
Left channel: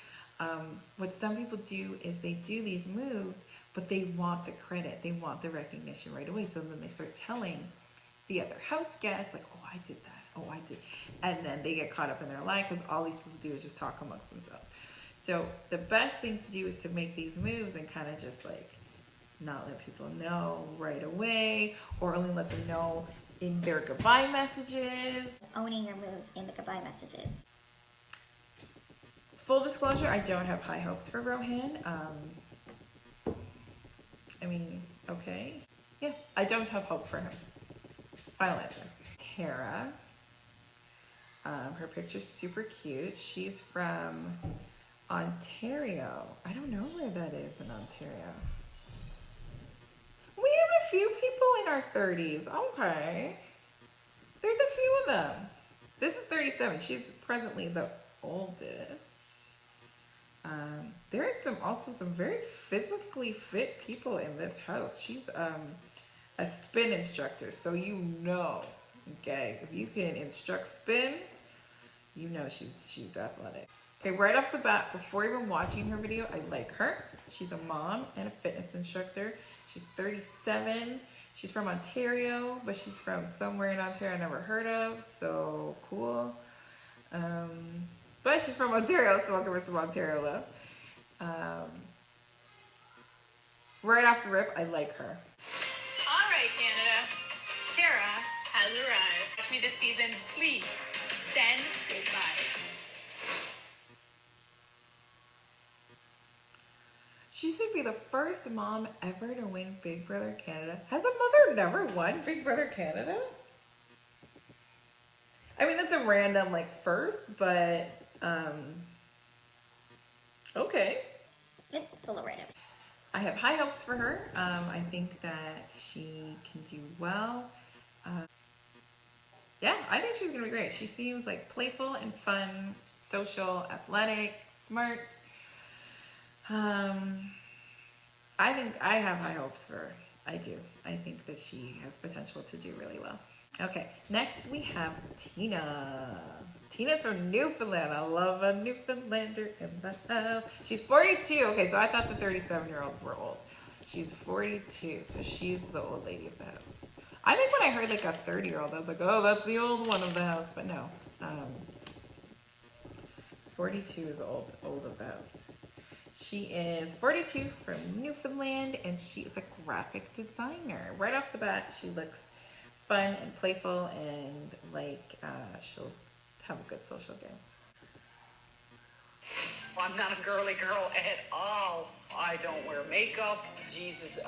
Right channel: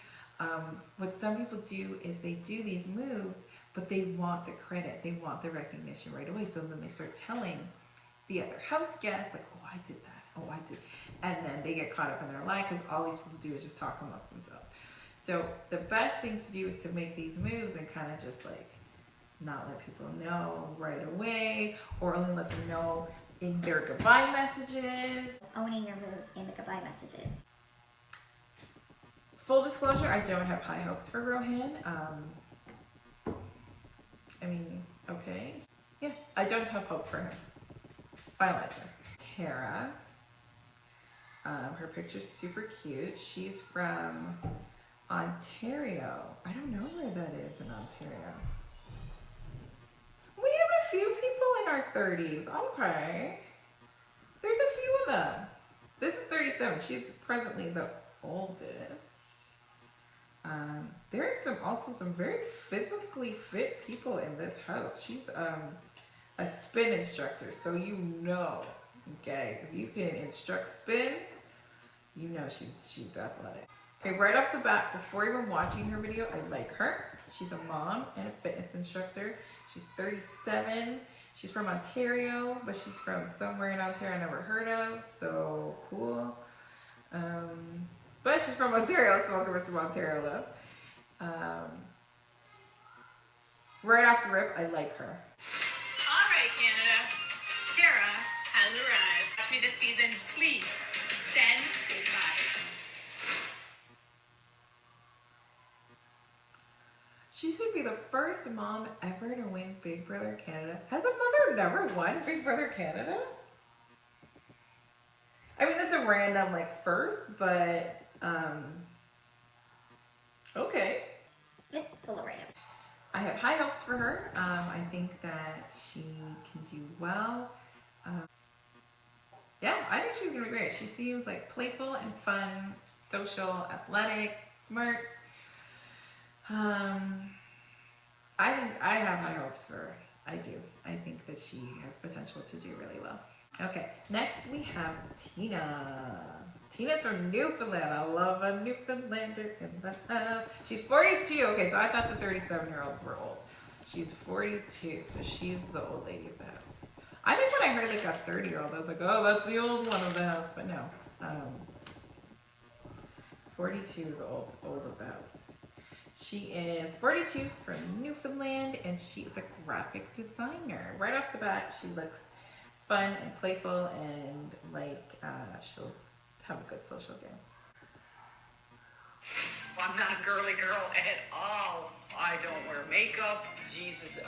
what some people do is they do these moves, but they want the credit, they want the recognition right away. So then they start telling the other house guests, like, oh, I did that, oh, I did. And then they get caught up in their lie because all these people do is just talk amongst themselves. So the best thing to do is to make these moves and kind of just like not let people know right away, or only let them know in their goodbye messages. Owning your moves in the goodbye messages. Full disclosure, I don't have high hopes for Rohan. Okay. Yeah, I don't have hope for him. Final answer. Tara. Her picture's super cute. She's from Ontario. I don't know where that is in Ontario. We have a few people in our 30s. Okay. There's a few of them. This is 37. She's presently the oldest. There are also some very physically fit people in this house. She's a spin instructor, so okay, if you can instruct spin, she's athletic. Okay, right off the bat, before even watching her video, I like her. She's a mom and a fitness instructor. She's 37. She's from Ontario, but she's from somewhere in Ontario I never heard of, so cool. But she's from Ontario, so I'll give her some Ontario love. Right off the rip, I like her. All right, Canada. Tara has arrived. Watch me this season. Please send goodbye. She should be the first mom ever to win Big Brother Canada. Has a mother never won Big Brother Canada? I mean, that's a random first, but okay. It's a little random. I have high hopes for her. I think that she can do well. Yeah, I think she's gonna be great. She seems playful and fun, social, athletic, smart. I think I have high hopes for her. I do. I think that she has potential to do really well. Okay, next we have Tina. Tina's from Newfoundland. I love a Newfoundlander in the house. She's 42. Okay, so I thought the 37-year-olds were old. She's 42, so she's the old lady of the house. I think when I heard a 30-year-old, I was like, oh, that's the old one of the house. But no, 42 is old of the house. She is 42 from Newfoundland, and she is a graphic designer. Right off the bat, she looks fun and playful, and she'll have a good social game. I'm not a girly girl at all. I don't wear makeup. Jesus,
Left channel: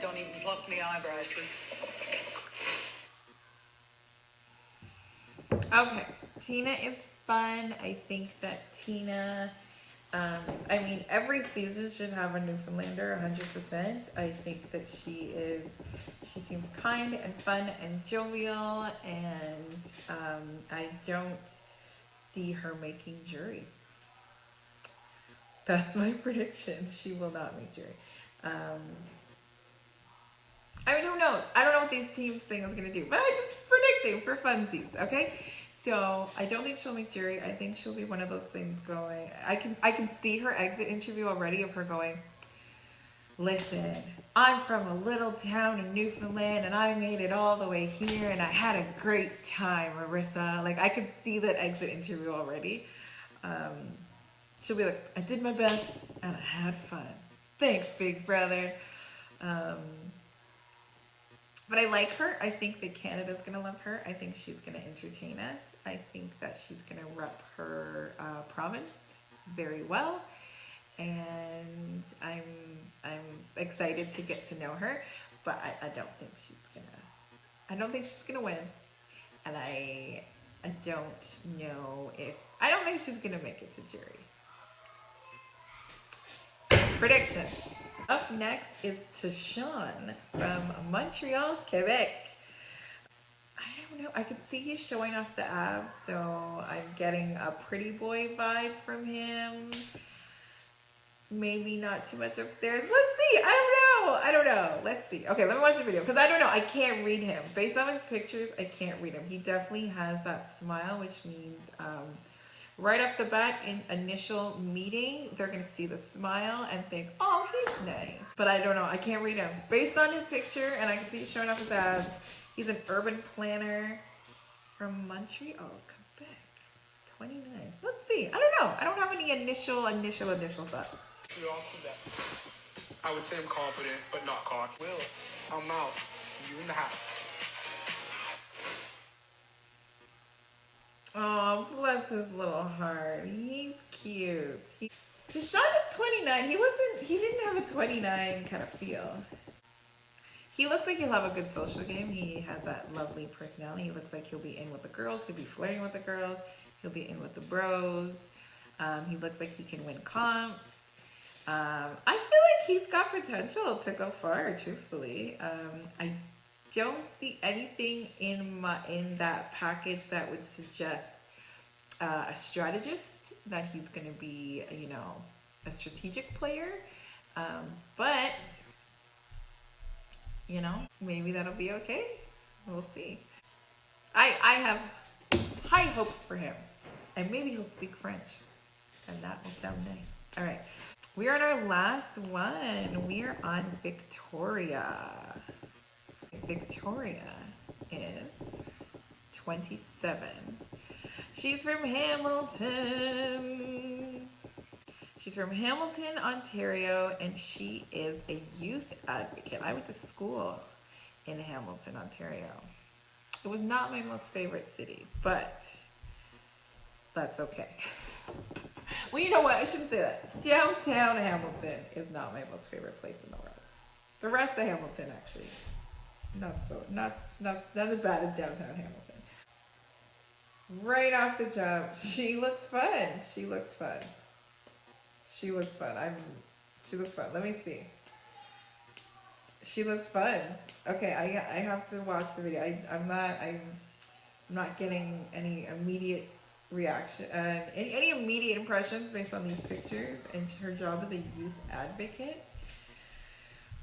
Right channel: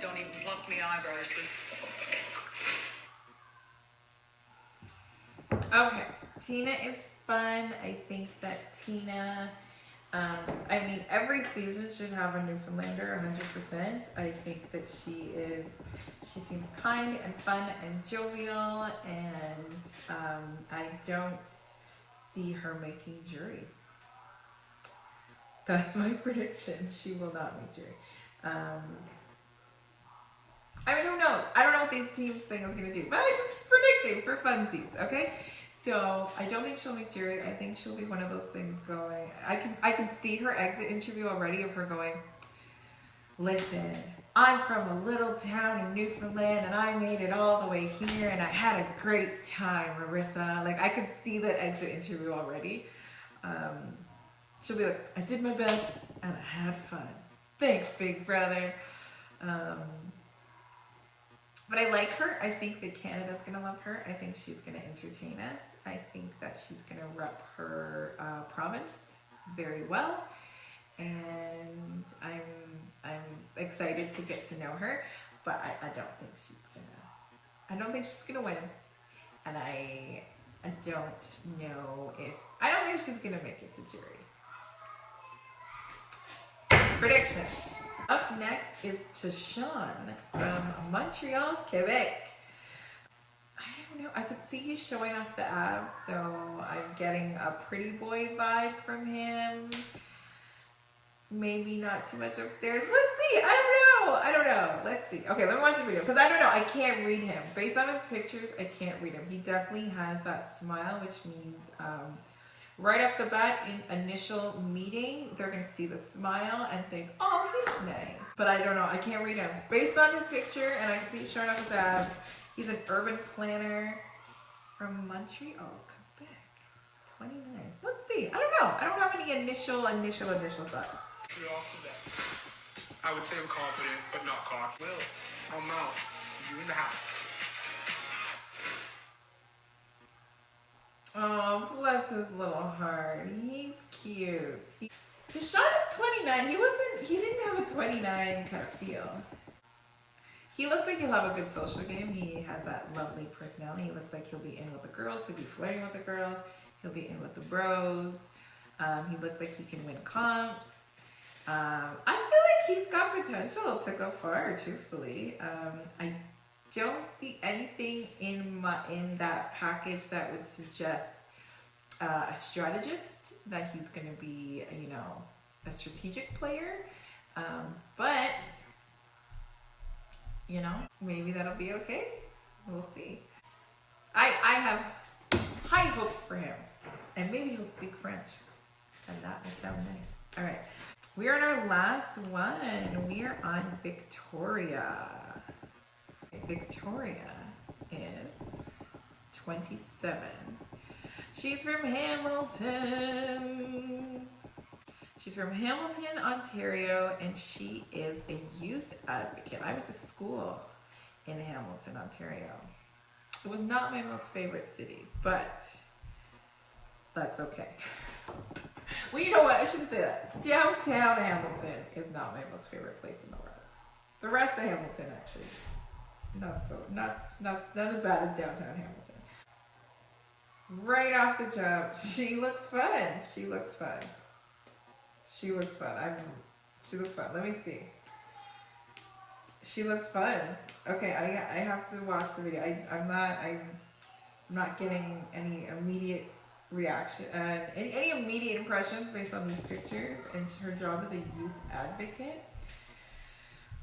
don't even pluck me eyebrows. Okay, Tina is fun. I think that Tina, I mean, every season should have a Newfoundlander, 100%. I think that she seems kind and fun and jovial, and I don't see her making jury. That's my prediction. She will not make jury. I mean, who knows? I don't know what these teams thing is going to do, but I'm just predicting for funsies, okay? So I don't think she'll make jury. I think she'll be one of those things going. I can see her exit interview already of her going, listen, I'm from a little town in Newfoundland and I made it all the way here and I had a great time, Marissa. Like, I could see that exit interview already. She'll be like, I did my best and I had fun. Thanks, big brother. But I like her. I think that Canada's going to love her. I think she's going to entertain us. I think that she's going to rep her province very well. And I'm excited to get to know her. But I don't think she's going to win. And I don't know if, I don't think she's going to make it to jury. Prediction. Up next is Tashawn from Montreal, Quebec. I don't know. I could see he's showing off the abs, so I'm getting a pretty boy vibe from him. Maybe not too much upstairs. Let's see. I don't know. Let's see. Okay, let me watch the video because I don't know. I can't read him. Based on his pictures, I can't read him. He definitely has that smile, which means right off the bat, in initial meeting, they're going to see the smile and think, oh, he's nice. But I don't know. I can't read him. Based on his picture, and I can see he's showing off his abs, he's an urban planner from Montreal, Quebec. 29. Let's see. I don't know. I don't have any initial thoughts. Montreal, Quebec. I would say I'm confident, but not cocky. Will, I'm out. See you in the house. Oh, bless his little heart. He's cute. Tashawn is 29. He didn't have a 29 kind of feel. He looks like he'll have a good social game. He has that lovely personality. He looks like he'll be in with the girls. He'll be flirting with the girls. He'll be in with the bros. He looks like he can win comps. I feel like he's got potential to go far, truthfully. I don't see anything in that package that would suggest a strategist, that he's going to be, a strategic player. But, maybe that'll be okay. We'll see. I have high hopes for him. And maybe he'll speak French. And that will sound nice. All right. We are on our last one. We are on Victoria. Victoria is 27. She's from Hamilton. She's from Hamilton, Ontario, and she is a youth advocate. I went to school in Hamilton, Ontario. It was not my most favorite city, but that's okay. Well, you know what? I shouldn't say that. Downtown Hamilton is not my most favorite place in the world. The rest of Hamilton, actually. Not as bad as downtown Hamilton. Right off the jump, she looks fun. She looks fun. Let me see. She looks fun. Okay, I have to watch the video. I'm not getting any immediate reaction and any immediate impressions based on these pictures. And her job as a youth advocate.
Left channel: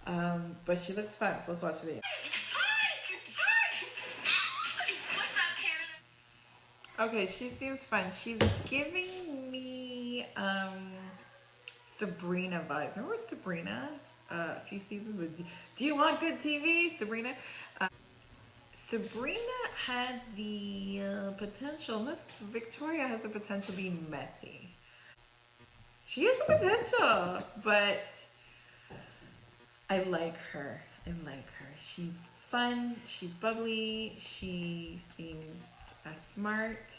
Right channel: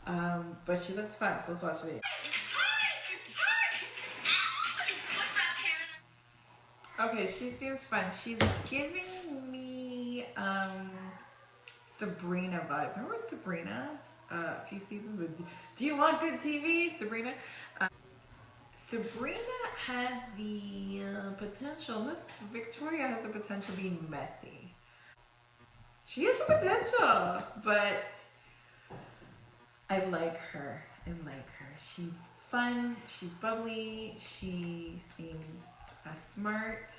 But she looks fun. So let's watch the video. Okay, she seems fun. She's giving me Sabrina vibes. Remember Sabrina? A few seasons with Do You Want Good TV? Sabrina. Sabrina had the potential. Miss Victoria has the potential of being messy. She has the potential, but I like her. She's fun. She's bubbly. She seems smart.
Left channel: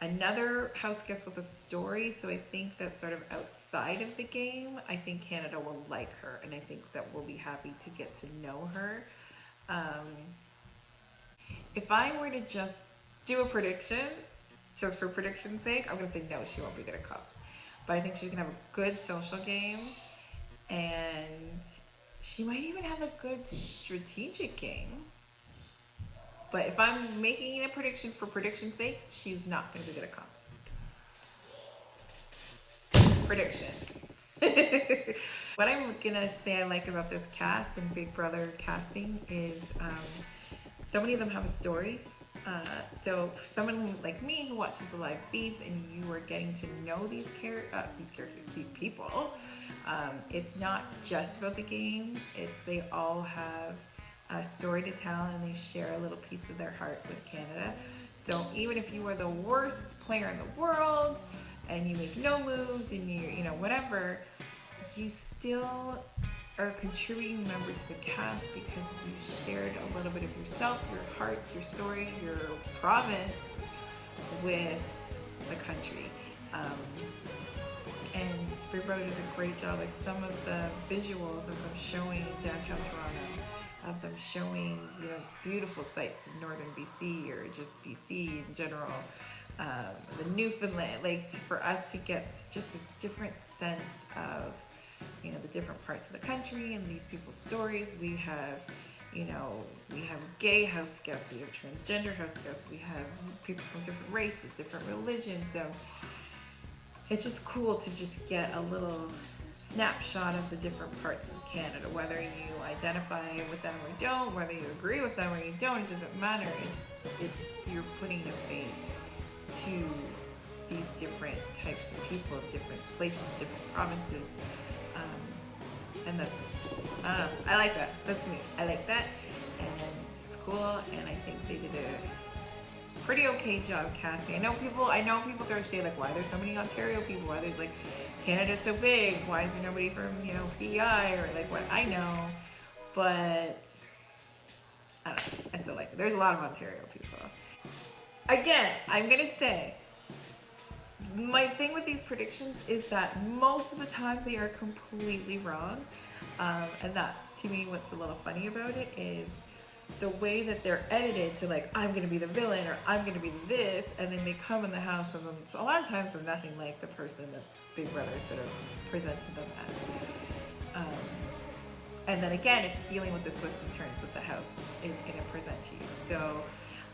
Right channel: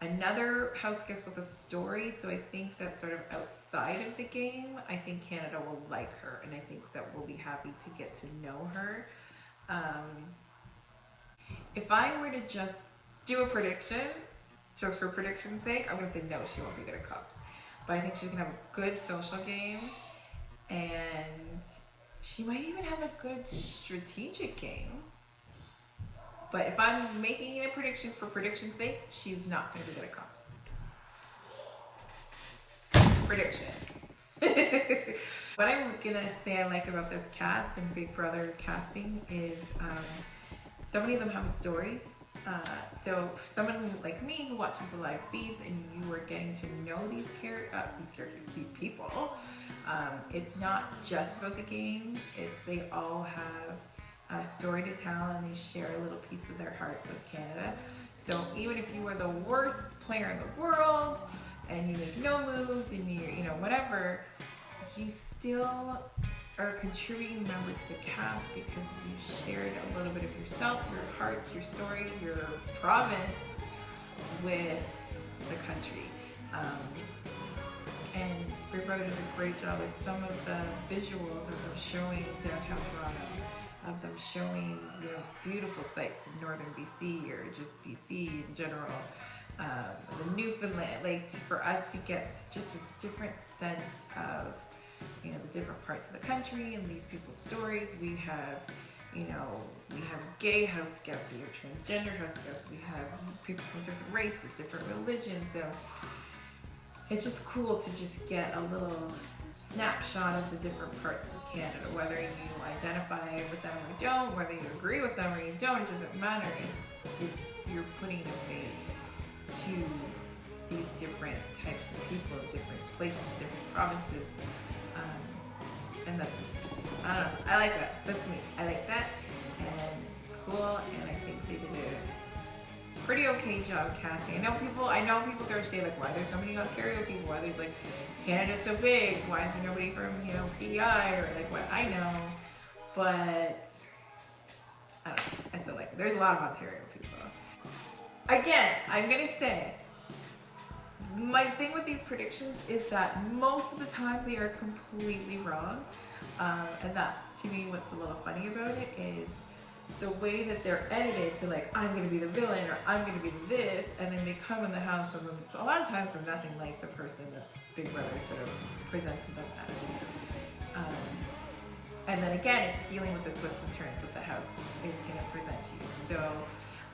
another house guest with a story. So I think that sort of outside of the game, I think Canada will like her, and I think that we'll be happy to get to know her. If I were to just do a prediction, just for prediction's sake, I'm gonna say no, she won't be good at cups. But I think she's gonna have a good social game, and she might even have a good strategic game. But if I'm making a prediction for prediction's sake, she's not gonna be good at cups. Prediction. What I'm gonna say I like about this cast and Big Brother casting is so many of them have a story. So for someone who, like me, who watches the live feeds and you are getting to know these people, it's not just about the game. It's they all have a story to tell, and they share a little piece of their heart with Canada. So even if you are the worst player in the world and you make no moves and you know whatever, you still are a contributing member to the cast because you shared a little bit of yourself, your heart, your story, your province with the country. And Big Brother does a great job. Like some of the visuals of them showing downtown Toronto, of them showing beautiful sights of northern BC or just BC in general, the Newfoundland. Like for us to get just a different sense of the different parts of the country and these people's stories. We have gay house guests, we have transgender house guests, we have people from different races, different religions. So it's just cool to just get a little snapshot of the different parts of Canada, whether you identify with them or don't, whether you agree with them or you don't, it doesn't matter. It's you're putting a face to these different types of people, different places, different provinces. And that's, I don't know, I like that. That's me. I like that. And it's cool. And I think they did a pretty okay job casting. I know people throw shade like, why are there so many Ontario people? Why are they like, Canada's so big? Why is there nobody from, PEI or like what? I know. But I don't know. I still like it. There's a lot of Ontario people. Again, I'm going to say, my thing with these predictions is that most of the time they are completely wrong. And that's, to me, what's a little funny about it is the way that they're edited to like, I'm going to be the villain or I'm going to be this. And then they come in the house and a lot of times they're nothing like the person that Big Brother sort of presented them as. And then again, it's dealing with the twists and turns that the house is going to present to you. So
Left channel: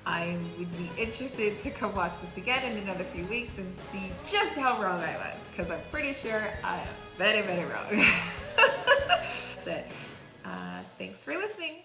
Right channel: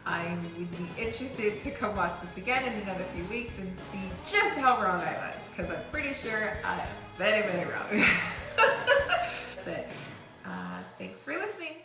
I would be interested to come watch this again in another few weeks and see just how wrong I was, because I'm pretty sure I'm very, very wrong. That's it. Thanks for listening.